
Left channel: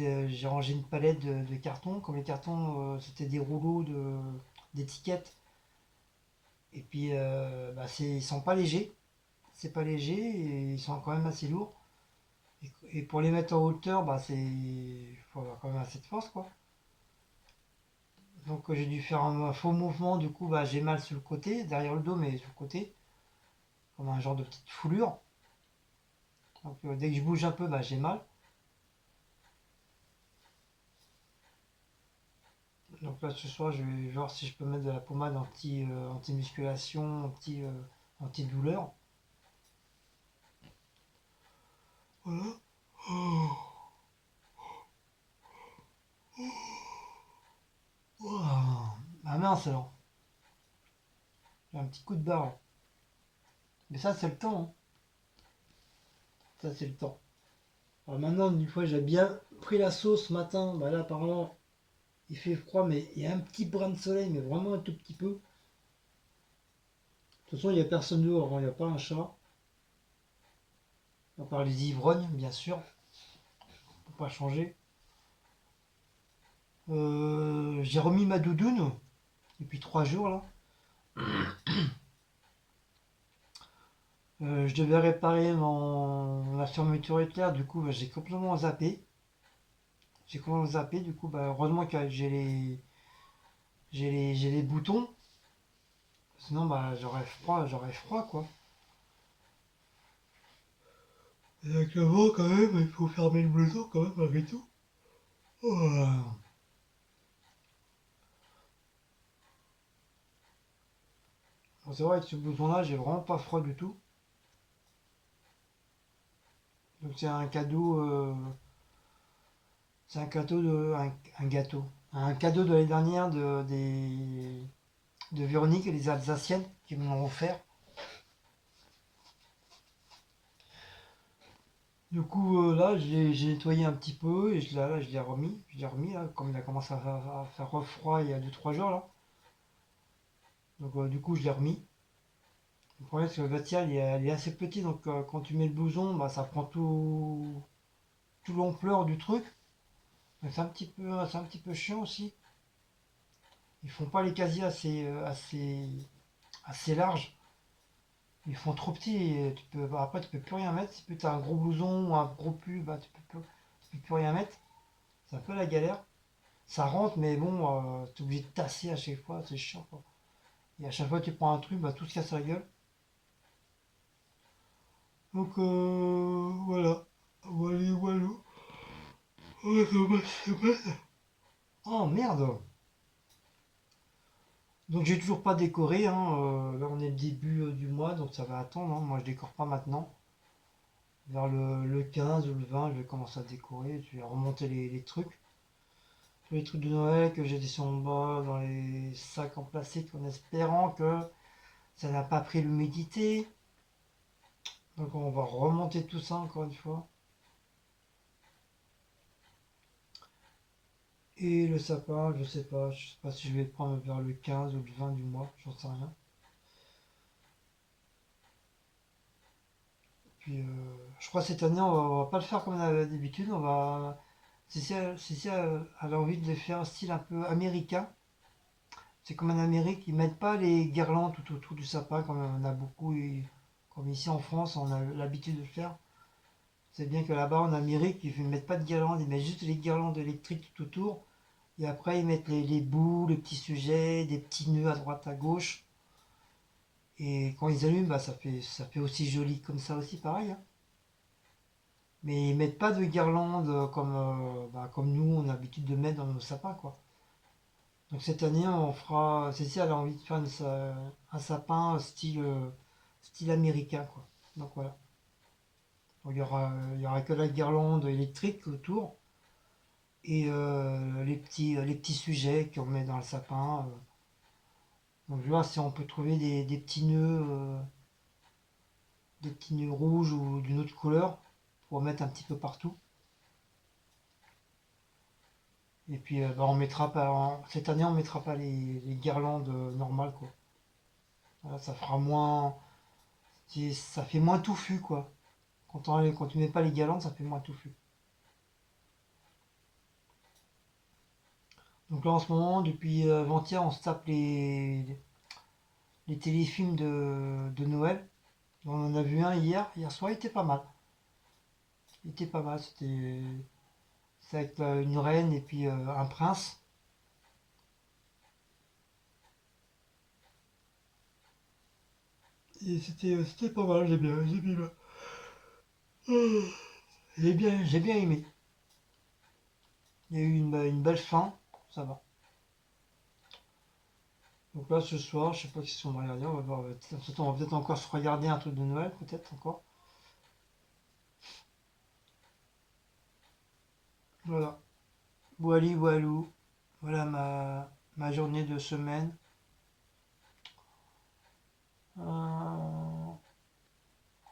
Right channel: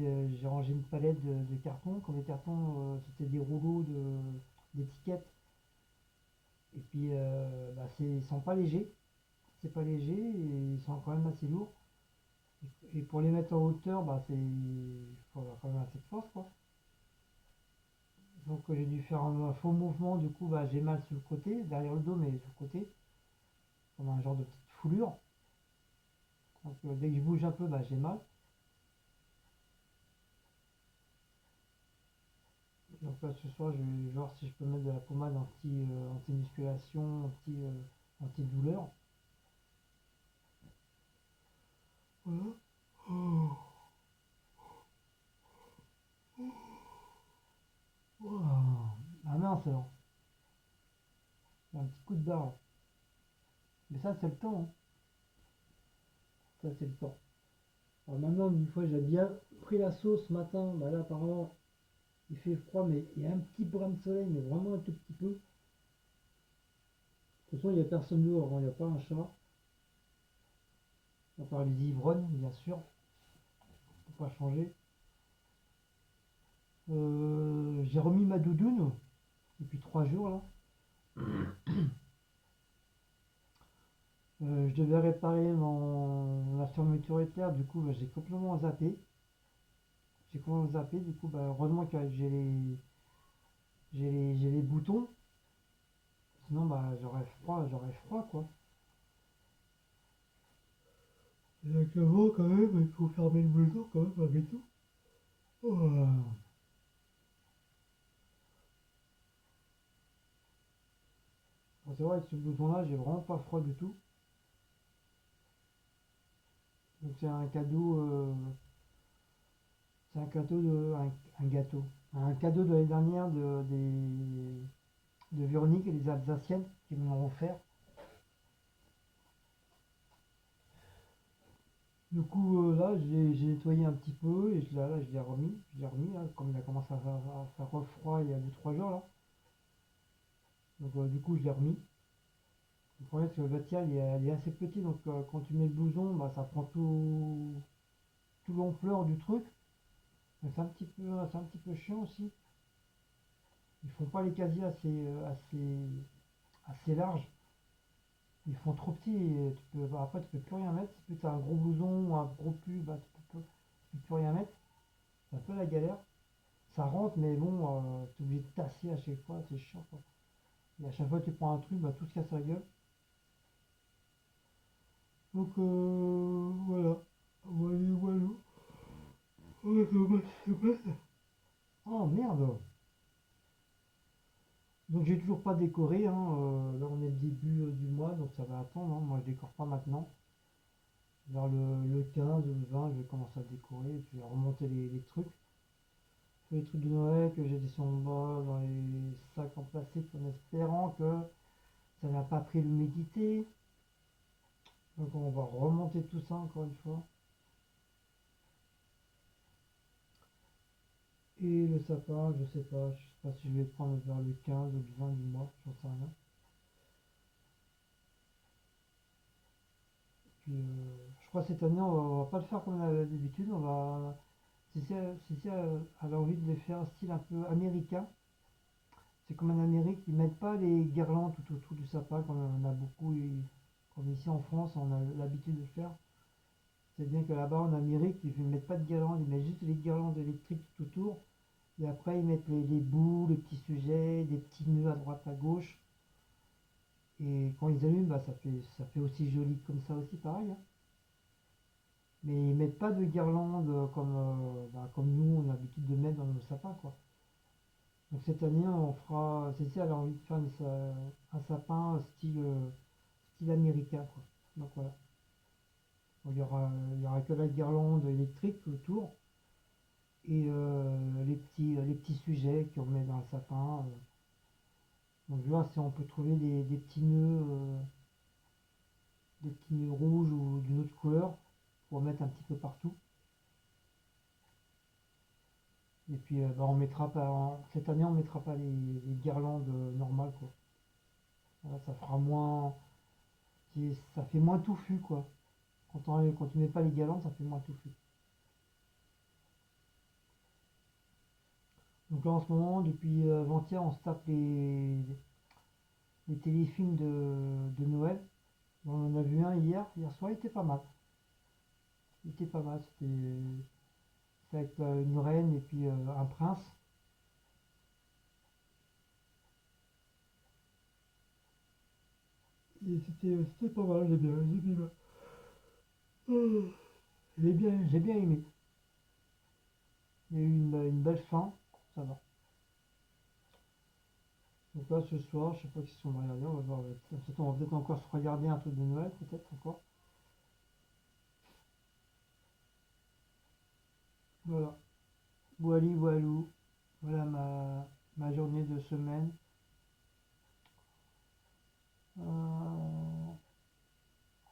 une palette de cartons. Comme les cartons, c'était des rouleaux de d'étiquette. Et puis, ils sont pas légers. C'est pas léger et ils sont quand même assez lourds. Et pour les mettre en hauteur, il faut avoir quand même assez de force, quoi. Donc j'ai dû faire un faux mouvement, du coup j'ai mal sur le côté, derrière le dos, mais sur le côté, comme un genre de petite foulure. Donc dès que je bouge un peu, j'ai mal. Donc là ce soir je vais voir si je peux mettre de la pommade anti-musculation, anti-douleur. Voilà. Oh. Oh. Ah mince alors, j'ai un petit coup de barre. Mais ça c'est le temps, hein. Ça c'est le temps. Alors maintenant, une fois j'ai bien pris la sauce ce matin, là apparemment il fait froid, mais il y a un petit brin de soleil, mais vraiment un tout petit peu. De toute façon, il n'y a personne dehors, hein, il n'y a pas un chat. À part les ivrognes, bien sûr. On peut pas changer. J'ai remis ma doudoune depuis 3 jours là. Je devais réparer ma fermeture éclair, du coup j'ai complètement zappé. Du coup heureusement que j'ai les boutons. Sinon j'aurais froid quoi. Et avec le vent quand même, il faut fermer le blouson quand même malgré tout. Oh. Bon, c'est vrai que ce blouson là j'ai vraiment pas froid du tout. Donc c'est un cadeau un gâteau. Un cadeau de l'année dernière de Véronique et les Alsaciennes qui me l'ont offert. Du coup, là, j'ai nettoyé un petit peu et je l'ai remis. Je l'ai remis, là, comme il a commencé à faire froid il y a 2 3 jours, là. Donc, du coup, je l'ai remis. Le problème, c'est que le vestiaire, il est assez petit, donc quand tu mets le blouson, ça prend tout l'ampleur du truc. Donc, c'est un petit peu chiant aussi. Ils font pas les casiers assez larges. Ils font trop petits et après, tu peux plus rien mettre. Si tu as un gros blouson ou un gros pull, tu peux plus rien mettre. C'est un peu la galère. Ça rentre, mais bon, t'es obligé de tasser à chaque fois, c'est chiant quoi. Et à chaque fois que tu prends un truc, tout se casse la gueule. Donc voilà. Voilà, voilà. Oh, oh, merde. Donc j'ai toujours pas décoré, hein. Là on est le début du mois, donc ça va attendre, hein. Moi je décore pas maintenant. Vers le 15 ou le 20, je vais commencer à décorer. Je vais remonter les trucs. Tous les trucs de Noël que j'ai laissés en bas dans les sacs en plastique en espérant que ça n'a pas pris l'humidité. Donc on va remonter tout ça encore une fois. Et le sapin, je sais pas si je vais le prendre vers le 15 ou le 20 du mois, j'en sais rien. Puis je crois que cette année on va pas le faire comme d'habitude, on va. Si elle a envie de le faire style un peu américain, c'est comme en Amérique, ils mettent pas les guirlandes tout autour du sapin comme on a beaucoup, comme ici en France on a l'habitude de le faire. C'est bien que là-bas en Amérique ils ne mettent pas de guirlandes, ils mettent juste les guirlandes électriques tout autour. Et après, ils mettent les bouts, les petits sujets, des petits nœuds à droite, à gauche. Et quand ils allument, ça fait aussi joli comme ça aussi, pareil, hein. Mais ils mettent pas de guirlande comme nous, on a l'habitude de mettre dans nos sapins, quoi. Donc cette année, on fera. Cécile, elle a envie de faire un sapin style américain, quoi. Donc voilà. Donc, il y aura que la guirlande électrique autour et les petits sujets qu'on met dans le sapin. Donc je vais voir si on peut trouver des petits nœuds rouges ou d'une autre couleur pour mettre un petit peu partout. Et puis on mettra pas cette année on mettra pas les guirlandes normales quoi. Voilà, ça fera moins, ça fait moins touffu quoi. Quand tu mets pas les guirlandes, ça fait moins touffu. Donc là en ce moment, depuis avant-hier, on se tape les téléfilms de Noël. On en a vu un hier soir, il était pas mal. Il était pas mal, c'était avec une reine et puis un prince. Et c'était pas mal, j'ai bien aimé. Il y a eu une belle fin, ça va. Donc là ce soir, je sais pas si on va regarder, on va voir. On va peut-être encore se regarder un truc de Noël, peut-être encore. Voilà. Wally Walou. Voilà ma journée de semaine. Euh,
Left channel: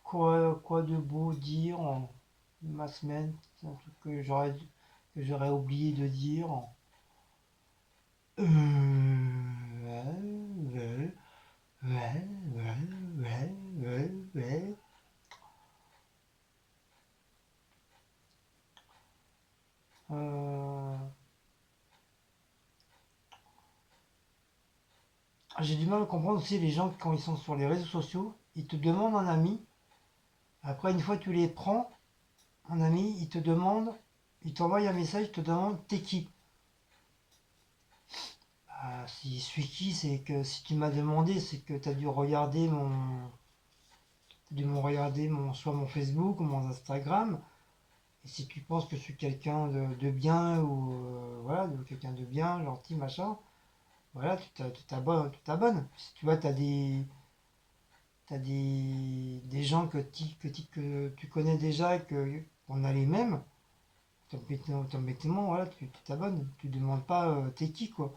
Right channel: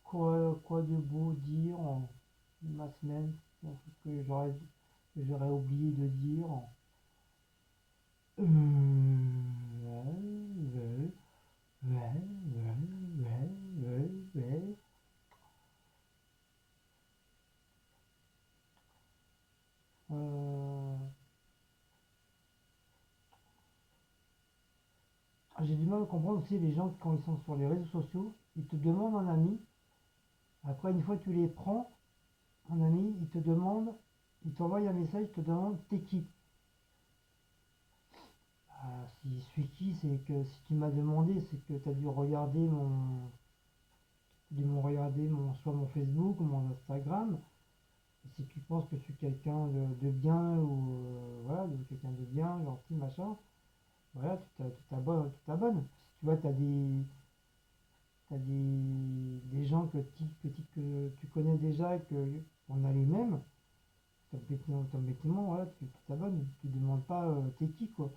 quoi de beau dire en ma semaine? C'est un truc que j'aurais oublié de dire. Ouais, ouais, ouais. Euh, j'ai du mal à comprendre aussi les gens quand ils sont sur les réseaux sociaux, ils te demandent un ami. Après, une fois que tu les prends, un ami, ils t'envoient un message, ils te demandent t'es qui. Ah, si je suis qui, c'est que si tu m'as demandé, c'est que tu as dû regarder soit mon Facebook ou mon Instagram. Et si tu penses que je suis quelqu'un de bien ou voilà, de quelqu'un de bien, gentil, machin, voilà, tu t'abonnes, tu t'abonnes. Si tu vois, des gens que tu connais déjà et que on a les mêmes, automatiquement, voilà, tu t'abonnes. Tu demandes pas t'es qui, quoi.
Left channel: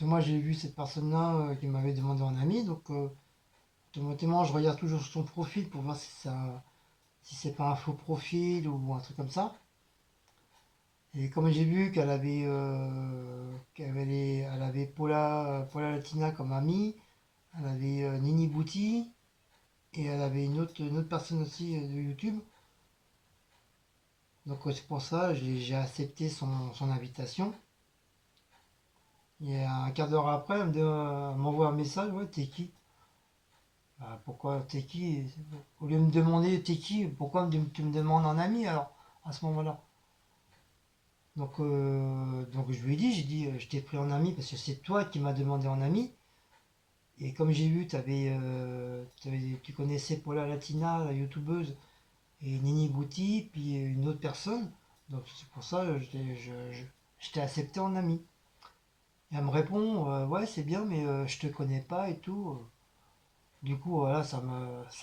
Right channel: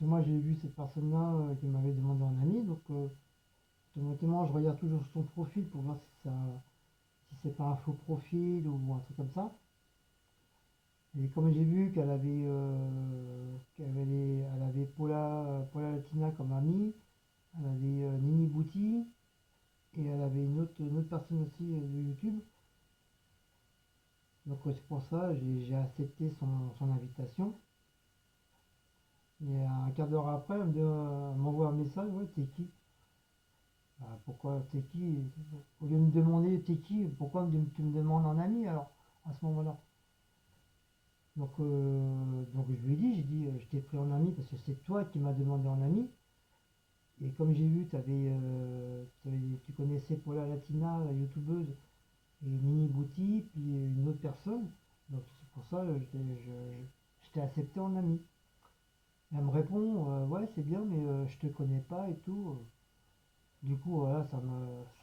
Moi, j'ai vu cette personne-là qui m'avait demandé en ami, donc automatiquement, je regarde toujours son profil pour voir si c'est pas un faux profil ou un truc comme ça. Et comme j'ai vu elle avait Paula Latina comme amie, elle avait Nini Bouti, et elle avait une autre personne aussi de YouTube. Donc c'est pour ça j'ai accepté son invitation. Et un quart d'heure après, elle m'envoie un message, ouais, t'es qui? Bah, pourquoi t'es qui? Au lieu de me demander t'es qui, pourquoi tu me demandes un ami alors, à ce moment-là? Donc je lui ai dit, j'ai dit, je t'ai pris en ami parce que c'est toi qui m'as demandé en ami. Et comme j'ai vu, tu connaissais Paula Latina, la youtubeuse, et Nini Bouti, puis une autre personne. Donc c'est pour ça que je t'ai accepté en ami. Et elle me répond, ouais c'est bien, mais je te connais pas et tout. Du coup, voilà, ça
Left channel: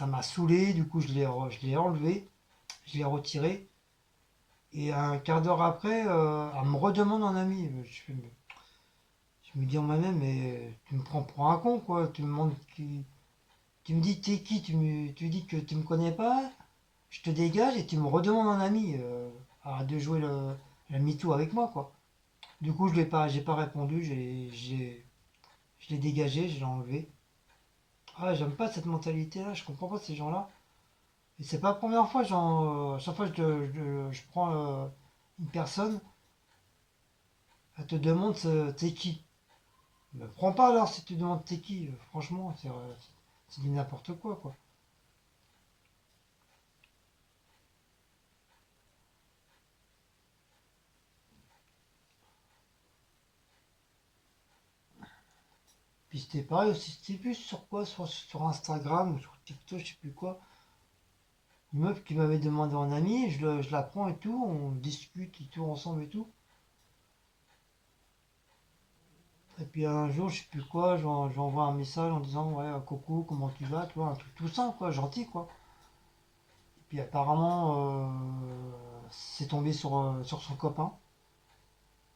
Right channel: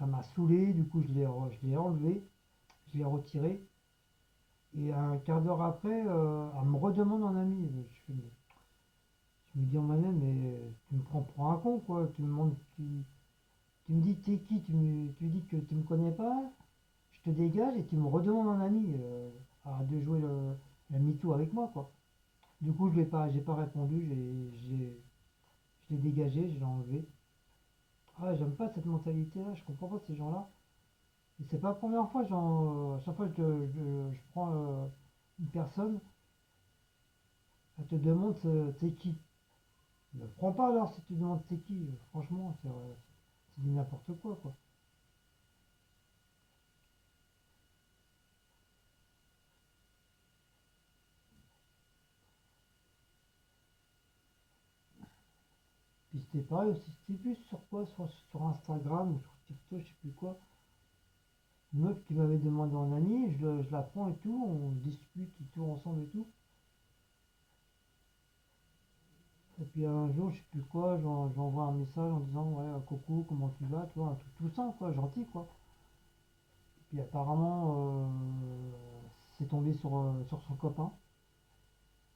m'a saoulé. Du coup, je l'ai enlevé, je l'ai retiré. Et un quart d'heure après, elle me redemande un ami. Je me dis en moi-même, mais tu me prends pour un con, quoi. Tu me dis t'es qui, tu dis que tu me connais pas, je te dégage et tu me redemandes un ami. Arrête de jouer le MeToo avec moi, quoi. Du coup, j'ai pas répondu, je l'ai dégagé, je l'ai enlevé. Ah, j'aime pas cette mentalité-là, je comprends pas ces gens-là. Et c'est pas la première fois, chaque fois que je prends une personne, elle te demande t'es qui. Ne prends pas alors si tu demandes t'es qui. Franchement, c'est du n'importe quoi, quoi. Puis c'était pareil aussi, c'était plus sur quoi, sur Instagram ou sur TikTok, je sais plus quoi. Une meuf qui m'avait demandé en ami, je la prends et tout, on discute et tout ensemble et tout. Et puis un jour, je sais plus quoi, j'envoie un message en disant ouais, coucou, comment tu vas, tu vois, un truc tout simple, quoi, gentil, quoi. Et puis apparemment, c'est tombé sur son copain.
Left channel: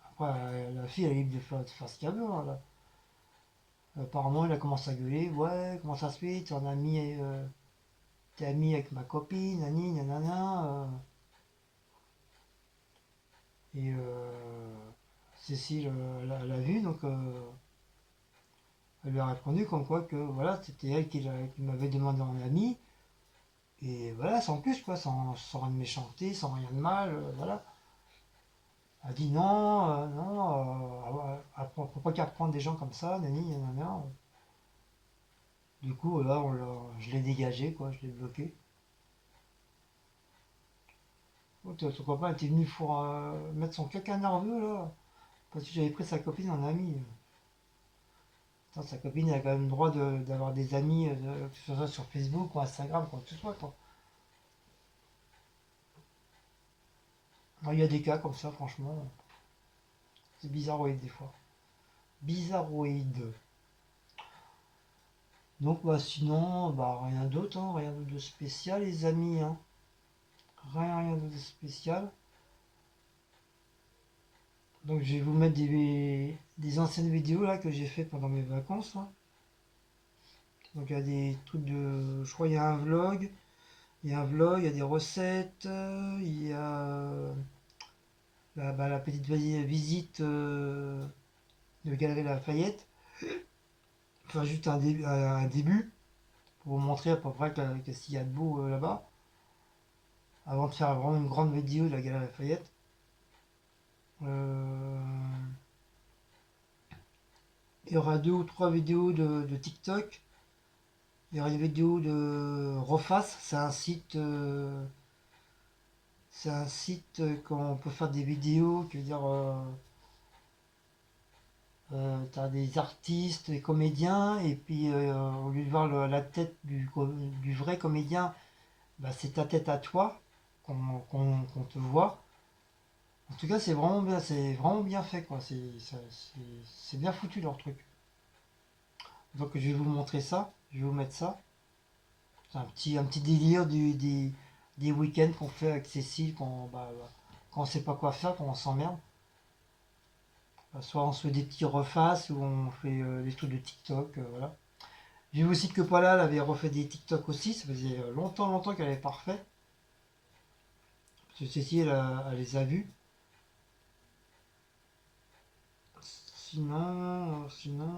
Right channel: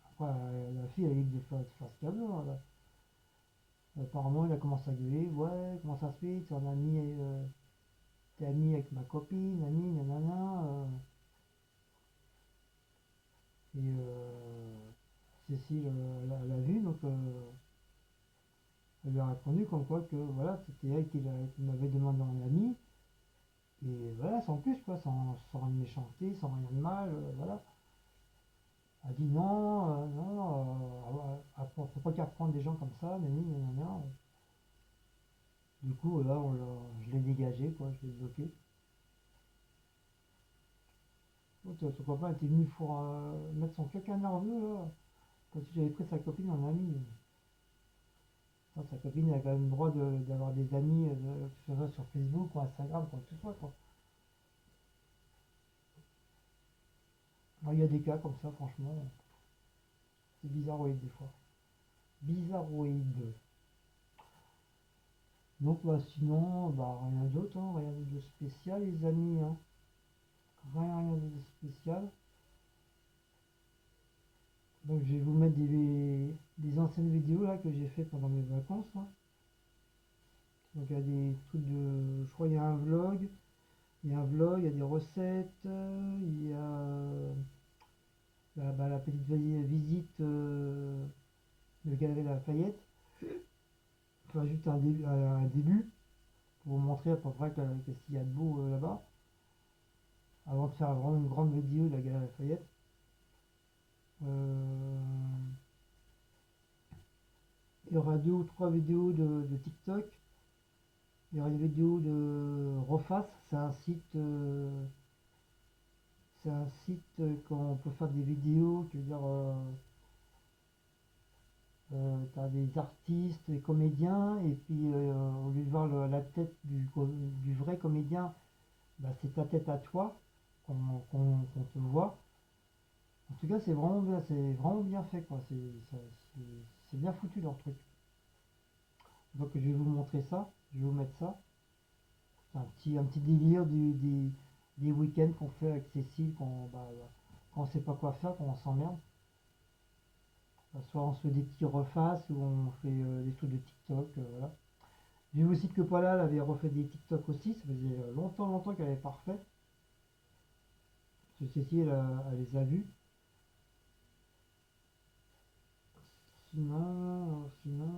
Après, la fille, elle est libre de faire ce qu'elle veut, hein, là. Apparemment, il a commencé à gueuler, ouais, comment ça se fait, t'es ami avec ma copine, nani, nanana. Et Cécile l'a vu, donc elle lui a répondu comme quoi que voilà, c'était elle qui m'avait demandé en ami. Et voilà, sans plus, quoi, sans rien de méchanceté, sans rien de mal, voilà. Elle dit non, faut pas qu'à reprendre des gens comme ça, nani, nanana. Du coup, là, je l'ai dégagé, quoi, je l'ai bloqué. Oh, ton copain était venu pour mettre son caca nerveux, là, parce que j'avais pris sa copine en ami. Putain, sa copine, elle a quand même le droit d'avoir des amis, que ce soit sur Facebook ou Instagram, quoi que ce soit, quoi. Il y a des cas comme ça, franchement. C'est bizarroïde, des fois. Bizarroïde. Donc, bah, sinon, bah, rien d'autre, hein, rien de spécial, les amis, hein. Rien de spécial. Donc je vais vous mettre des anciennes vidéos là que j'ai fait pendant mes vacances là. Donc il y a des trucs de. Je crois il y a un vlog. Il y a un vlog, il y a des recettes, il y a la petite visite de Galerie Lafayette. Enfin juste un début pour vous montrer à peu près qu'est-ce qu'il y a de beau là-bas. Avant de faire vraiment une grande vidéo de la Galerie Lafayette. Euh, il y aura deux ou trois vidéos de TikTok. Il y aura une vidéo de Reface, c'est un site quand on peut faire des vidéos, qui veut dire, t'as des artistes, des comédiens, et puis au lieu de voir la tête du vrai comédien, bah, c'est ta tête à toi qu'on te voit. En tout cas, c'est vraiment bien fait, quoi. C'est bien foutu leur truc. Donc je vais vous montrer ça, je vais vous mettre ça. C'est un petit délire des week-ends qu'on fait avec Cécile quand on sait pas quoi faire, quand on s'emmerde. Soit on se fait des petits refaces ou on fait des trucs de TikTok. Voilà. J'ai vu aussi que Paula elle avait refait des TikTok aussi. Ça faisait longtemps qu'elle avait pas refait. Parce que Cécile elle les a vus. Sinon,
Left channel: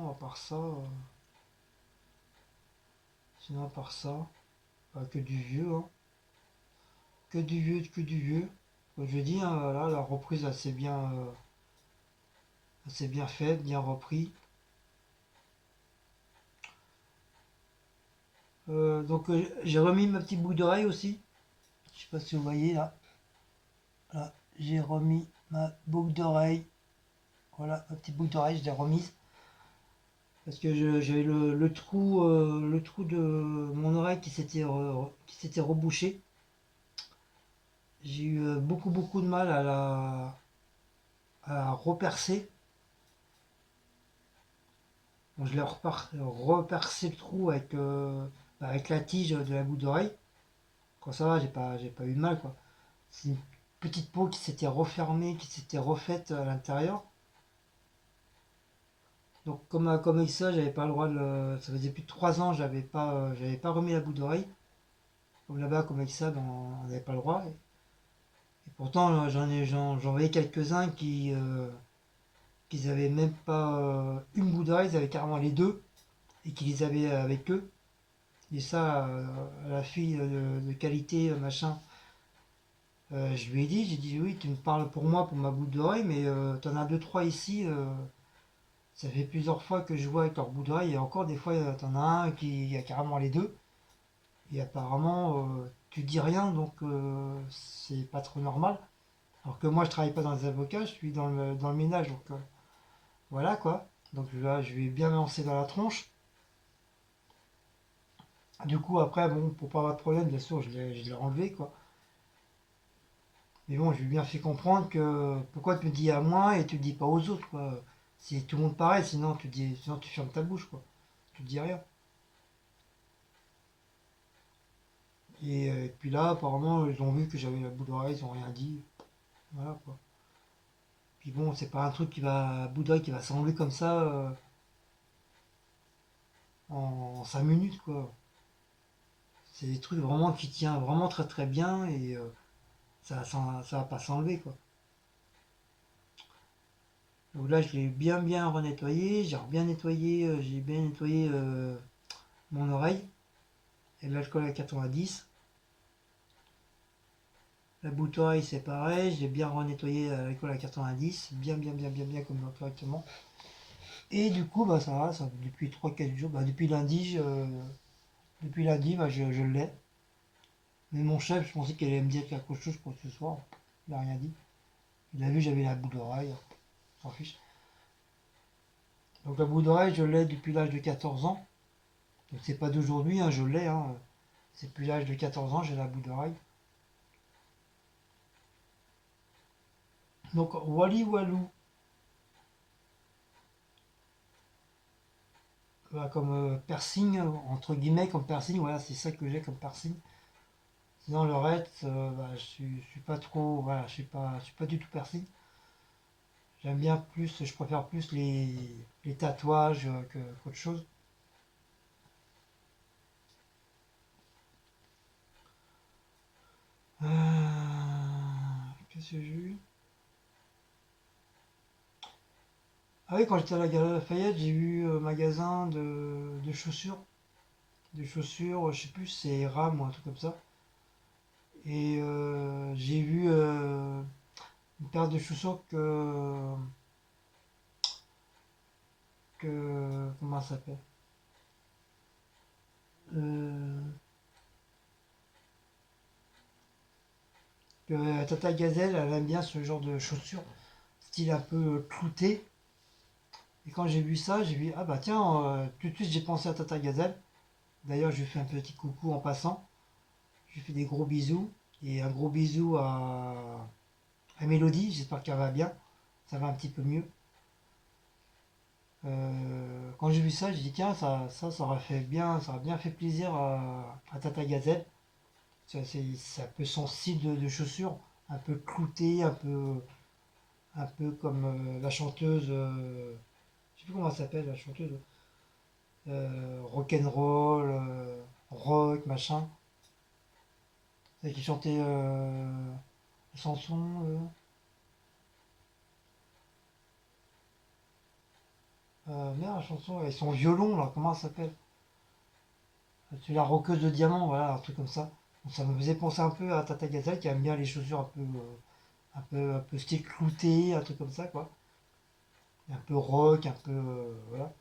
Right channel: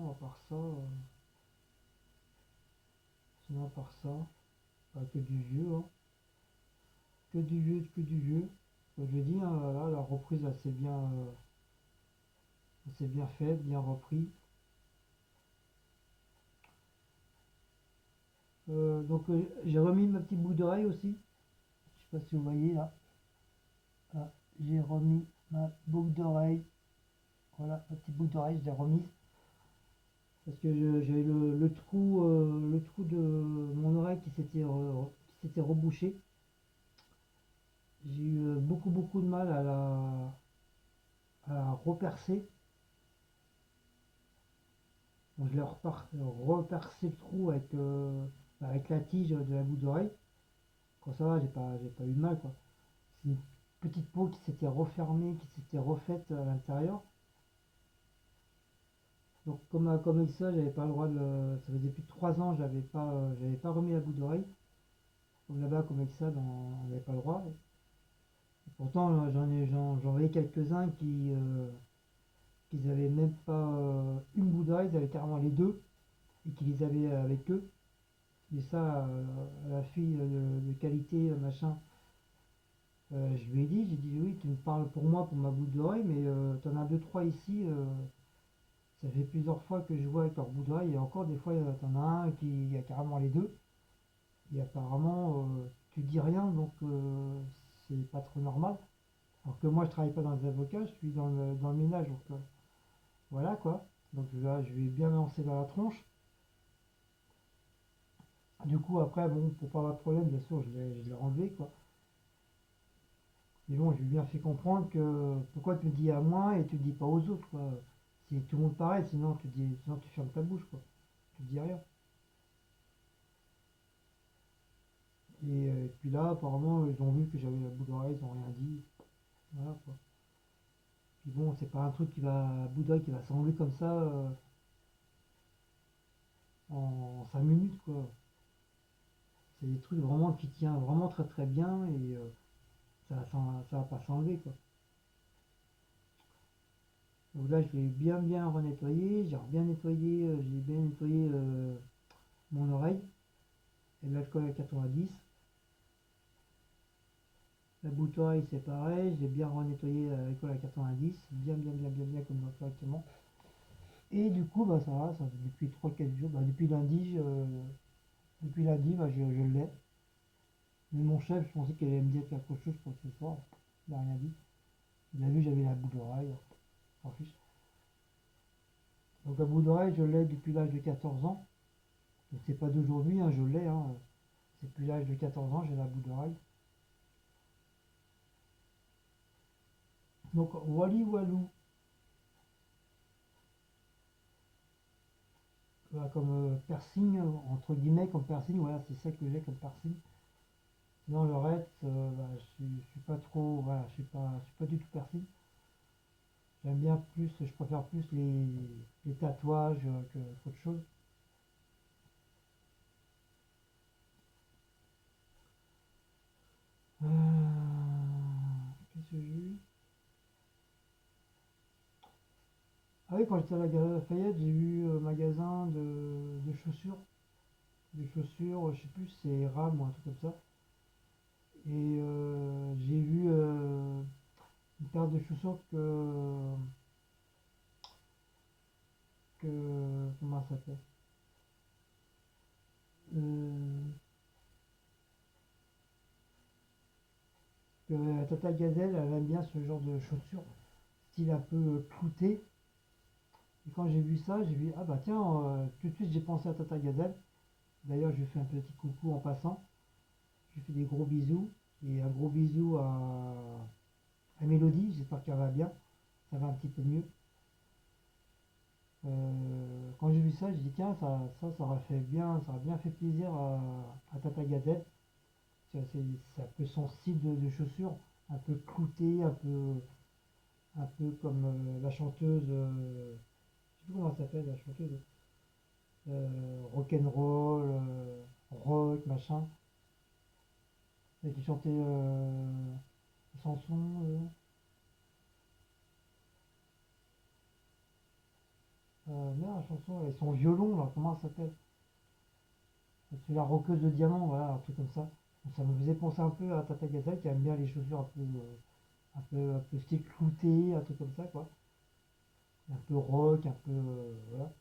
à part ça, que du vieux. Hein. Que du vieux, que du vieux. Comme je dis, hein, voilà, la reprise assez bien faite, bien repris. Donc j'ai remis ma petite boucle d'oreille aussi. Je sais pas si vous voyez là. Là, j'ai remis ma boucle d'oreille. Voilà, ma petite boucle d'oreille, je l'ai remise. Parce que j'avais le trou de mon oreille qui s'était rebouché. J'ai eu beaucoup de mal à la repercer. Donc, je l'ai repercé le trou avec la tige de la boucle d'oreille. Quand ça va, j'ai pas eu de mal quoi. C'est une petite peau qui s'était refermée, qui s'était refaite à l'intérieur. Donc comme avec ça, j'avais pas le droit ça faisait plus de 3 ans, j'avais pas remis la boucle d'oreille. Comme là-bas, comme avec ça, ben, on n'avait pas le droit. Et pourtant, j'en voyais quelques-uns qui avaient même pas une boucle d'oreille, ils avaient carrément les deux et qui les avaient avec eux. Et ça, à la fille de qualité, machin, je lui ai dit, j'ai dit oui, tu me parles pour moi, pour ma boucle d'oreille, mais t'en as deux, trois ici. Ça fait plusieurs fois que je vois avec leur bout d'oreille et encore des fois t'en as un qui a carrément les deux. Et apparemment tu dis rien donc c'est pas trop normal. Alors que moi je travaille pas dans les avocats, je suis dans le ménage donc voilà quoi. Donc là je vais bien me lancer dans la tronche. Du coup après bon pour pas avoir de problème bien sûr je l'ai enlevé quoi. Mais bon je lui ai bien fait comprendre que pourquoi tu me dis à moi et tu le dis pas aux autres quoi. Si tout le monde pareil sinon tu fermes ta bouche quoi. Tu te dis rien. Et puis là, apparemment, ils ont vu que j'avais la boule d'oreille, ils ont rien dit. Voilà quoi. Puis bon, c'est pas un truc bout d'oreille qui va s'enlever comme ça en 5 minutes quoi. C'est des trucs vraiment qui tient vraiment très bien et ça va pas s'enlever quoi. Donc là, je l'ai bien renettoyé, j'ai bien nettoyé mon oreille et l'alcool à 90. La boucle oreille c'est pareil, j'ai bien renettoyé l'école à 90, bien comme correctement. Et du coup bah ça va, ça, depuis 3 4 jours, bah, depuis lundi bah, je l'ai. Mais mon chef, je pensais qu'elle allait me dire quelque chose pour ce soir. Il n'a rien dit. Il a vu j'avais la boucle d'oreille, s'en fiche. Donc la boucle d'oreille je l'ai depuis l'âge de 14 ans. Donc c'est pas d'aujourd'hui, hein, je l'ai. Hein. C'est depuis l'âge de 14 ans, j'ai la boucle d'oreille. Donc Wally Walou, voilà, comme piercing, entre guillemets, comme piercing, voilà, c'est ça que j'ai comme piercing. Sinon le reste, bah, je suis pas trop, voilà, je suis pas du tout piercing. J'aime bien plus, je préfère plus les tatouages qu'autre chose. Qu'est-ce que j'ai eu? Ah oui, quand j'étais à la Galerie Lafayette, j'ai vu un magasin de chaussures. Des chaussures, je sais plus, c'est RAM ou un truc comme ça. Et j'ai vu une paire de chaussures comment ça s'appelle? Euh, que Tata Gazelle, elle aime bien ce genre de chaussures, style un peu clouté. Et quand j'ai vu ça, j'ai vu, ah bah tiens, tout de suite j'ai pensé à Tata Gazelle. D'ailleurs, je lui fais un petit coucou en passant. Je lui fais des gros bisous. Et un gros bisou à Mélodie, j'espère qu'elle va bien. Ça va un petit peu mieux. Quand j'ai vu ça, j'ai dit tiens, ça aurait fait bien, ça aurait bien fait plaisir à Tata Gazelle. C'est un peu son style de chaussures, un peu clouté, un peu comme la chanteuse, je sais plus comment elle s'appelle, la chanteuse, rock'n'roll, rock, machin. Celle qui chantait la chanson, merde, la chanson, avec son violon, là, comment elle s'appelle? C'est la roqueuse de diamant, voilà, un truc comme ça. Donc ça me faisait penser un peu à Tata Gazelle qui aime bien les chaussures un peu style clouté, un truc comme ça, quoi. Un peu rock, un peu, voilà.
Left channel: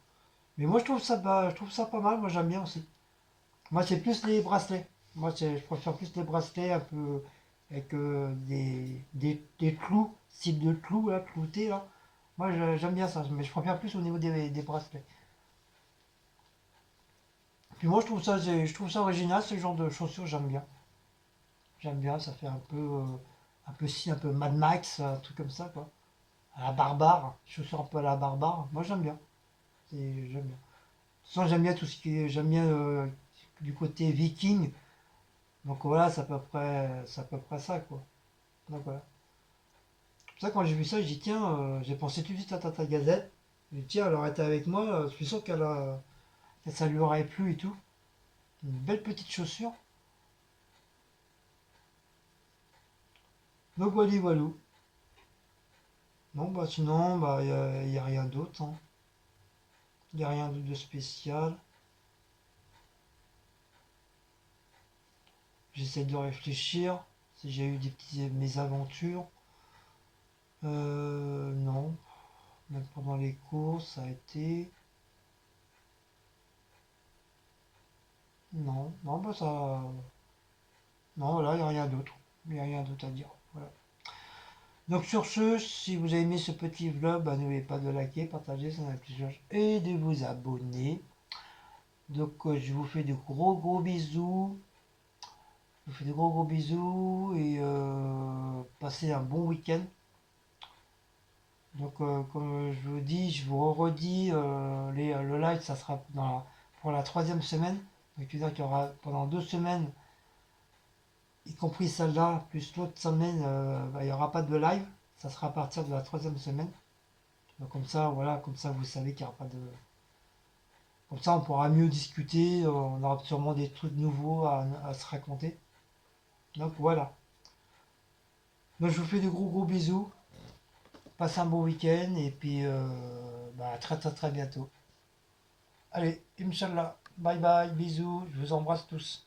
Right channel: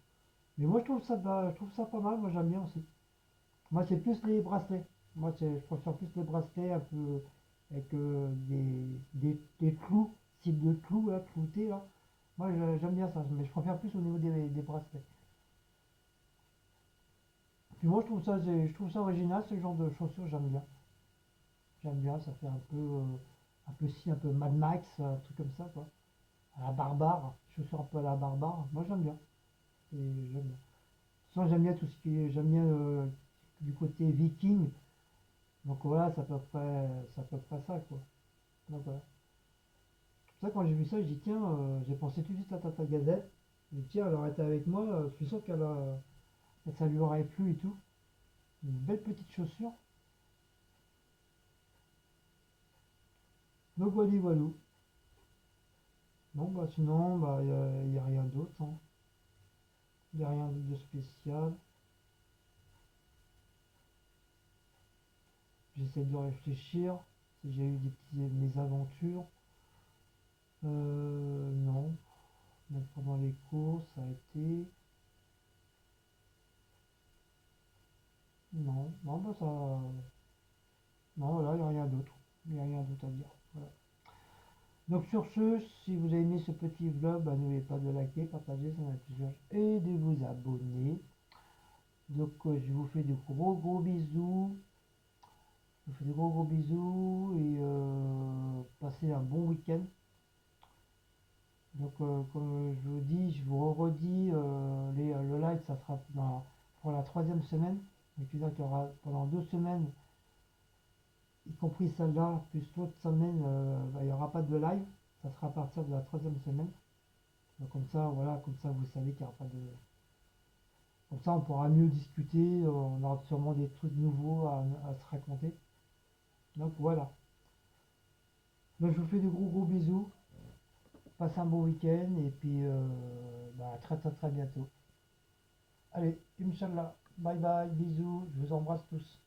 Mais moi, je trouve ça pas mal, moi j'aime bien aussi. Moi, c'est plus les bracelets. Moi, je préfère plus les bracelets un peu avec des clous, style de clous, là, cloutés, là. Moi, j'aime bien ça, mais je préfère plus au niveau des bracelets. Puis moi, je trouve ça original, ce genre de chaussures, j'aime bien. J'aime bien, ça fait un peu si, un peu Mad Max, un truc comme ça, quoi. À la barbare, chaussures un peu à la barbare. Moi, j'aime bien. J'aime bien. De toute façon, j'aime bien tout ce qui est, j'aime bien du côté viking. Donc voilà, c'est à peu près ça, quoi. Donc voilà. C'est pour ça, quand j'ai vu ça, j'ai dit, tiens, j'ai pensé tout de suite à Tata Gazette. J'ai dit, tiens, elle aurait été avec moi, je suis sûr que ça lui aurait plu et tout. Une belle petite chaussure. Donc voilà, voilà. Bon, bah sinon, bah, y a rien d'autre, hein. Il n'y a rien de spécial. J'essaie de réfléchir si j'ai eu des petites mésaventures. Non. Même pendant les cours, ça a été. Non. Non, bah ça. Non, là, il n'y a rien d'autre. Il n'y a rien d'autre à dire. Voilà. Donc sur ce, si vous avez aimé ce petit vlog, bah, n'oubliez pas de liker, partager, ça m'a plaisir et de vous abonner. Donc je vous fais de gros gros bisous. Je vous fais de gros gros bisous et passez un bon week-end. Donc comme je vous dis, je vous redis, le live, ça sera pour la troisième semaine. Donc tu veux dire qu'il y aura pendant 2 semaines, y compris celle-là, plus l'autre semaine, bah, il n'y aura pas de live. Ça sera à partir de la troisième semaine. Donc comme ça, voilà, comme ça vous savez qu'il n'y aura pas de. Comme ça on pourra mieux discuter, on aura sûrement des trucs nouveaux à se raconter. Donc voilà. Donc je vous fais de gros gros bisous. Passez un bon week-end et puis bah, à très très très bientôt. Allez, Inch'Allah. Bye bye, bisous, je vous embrasse tous.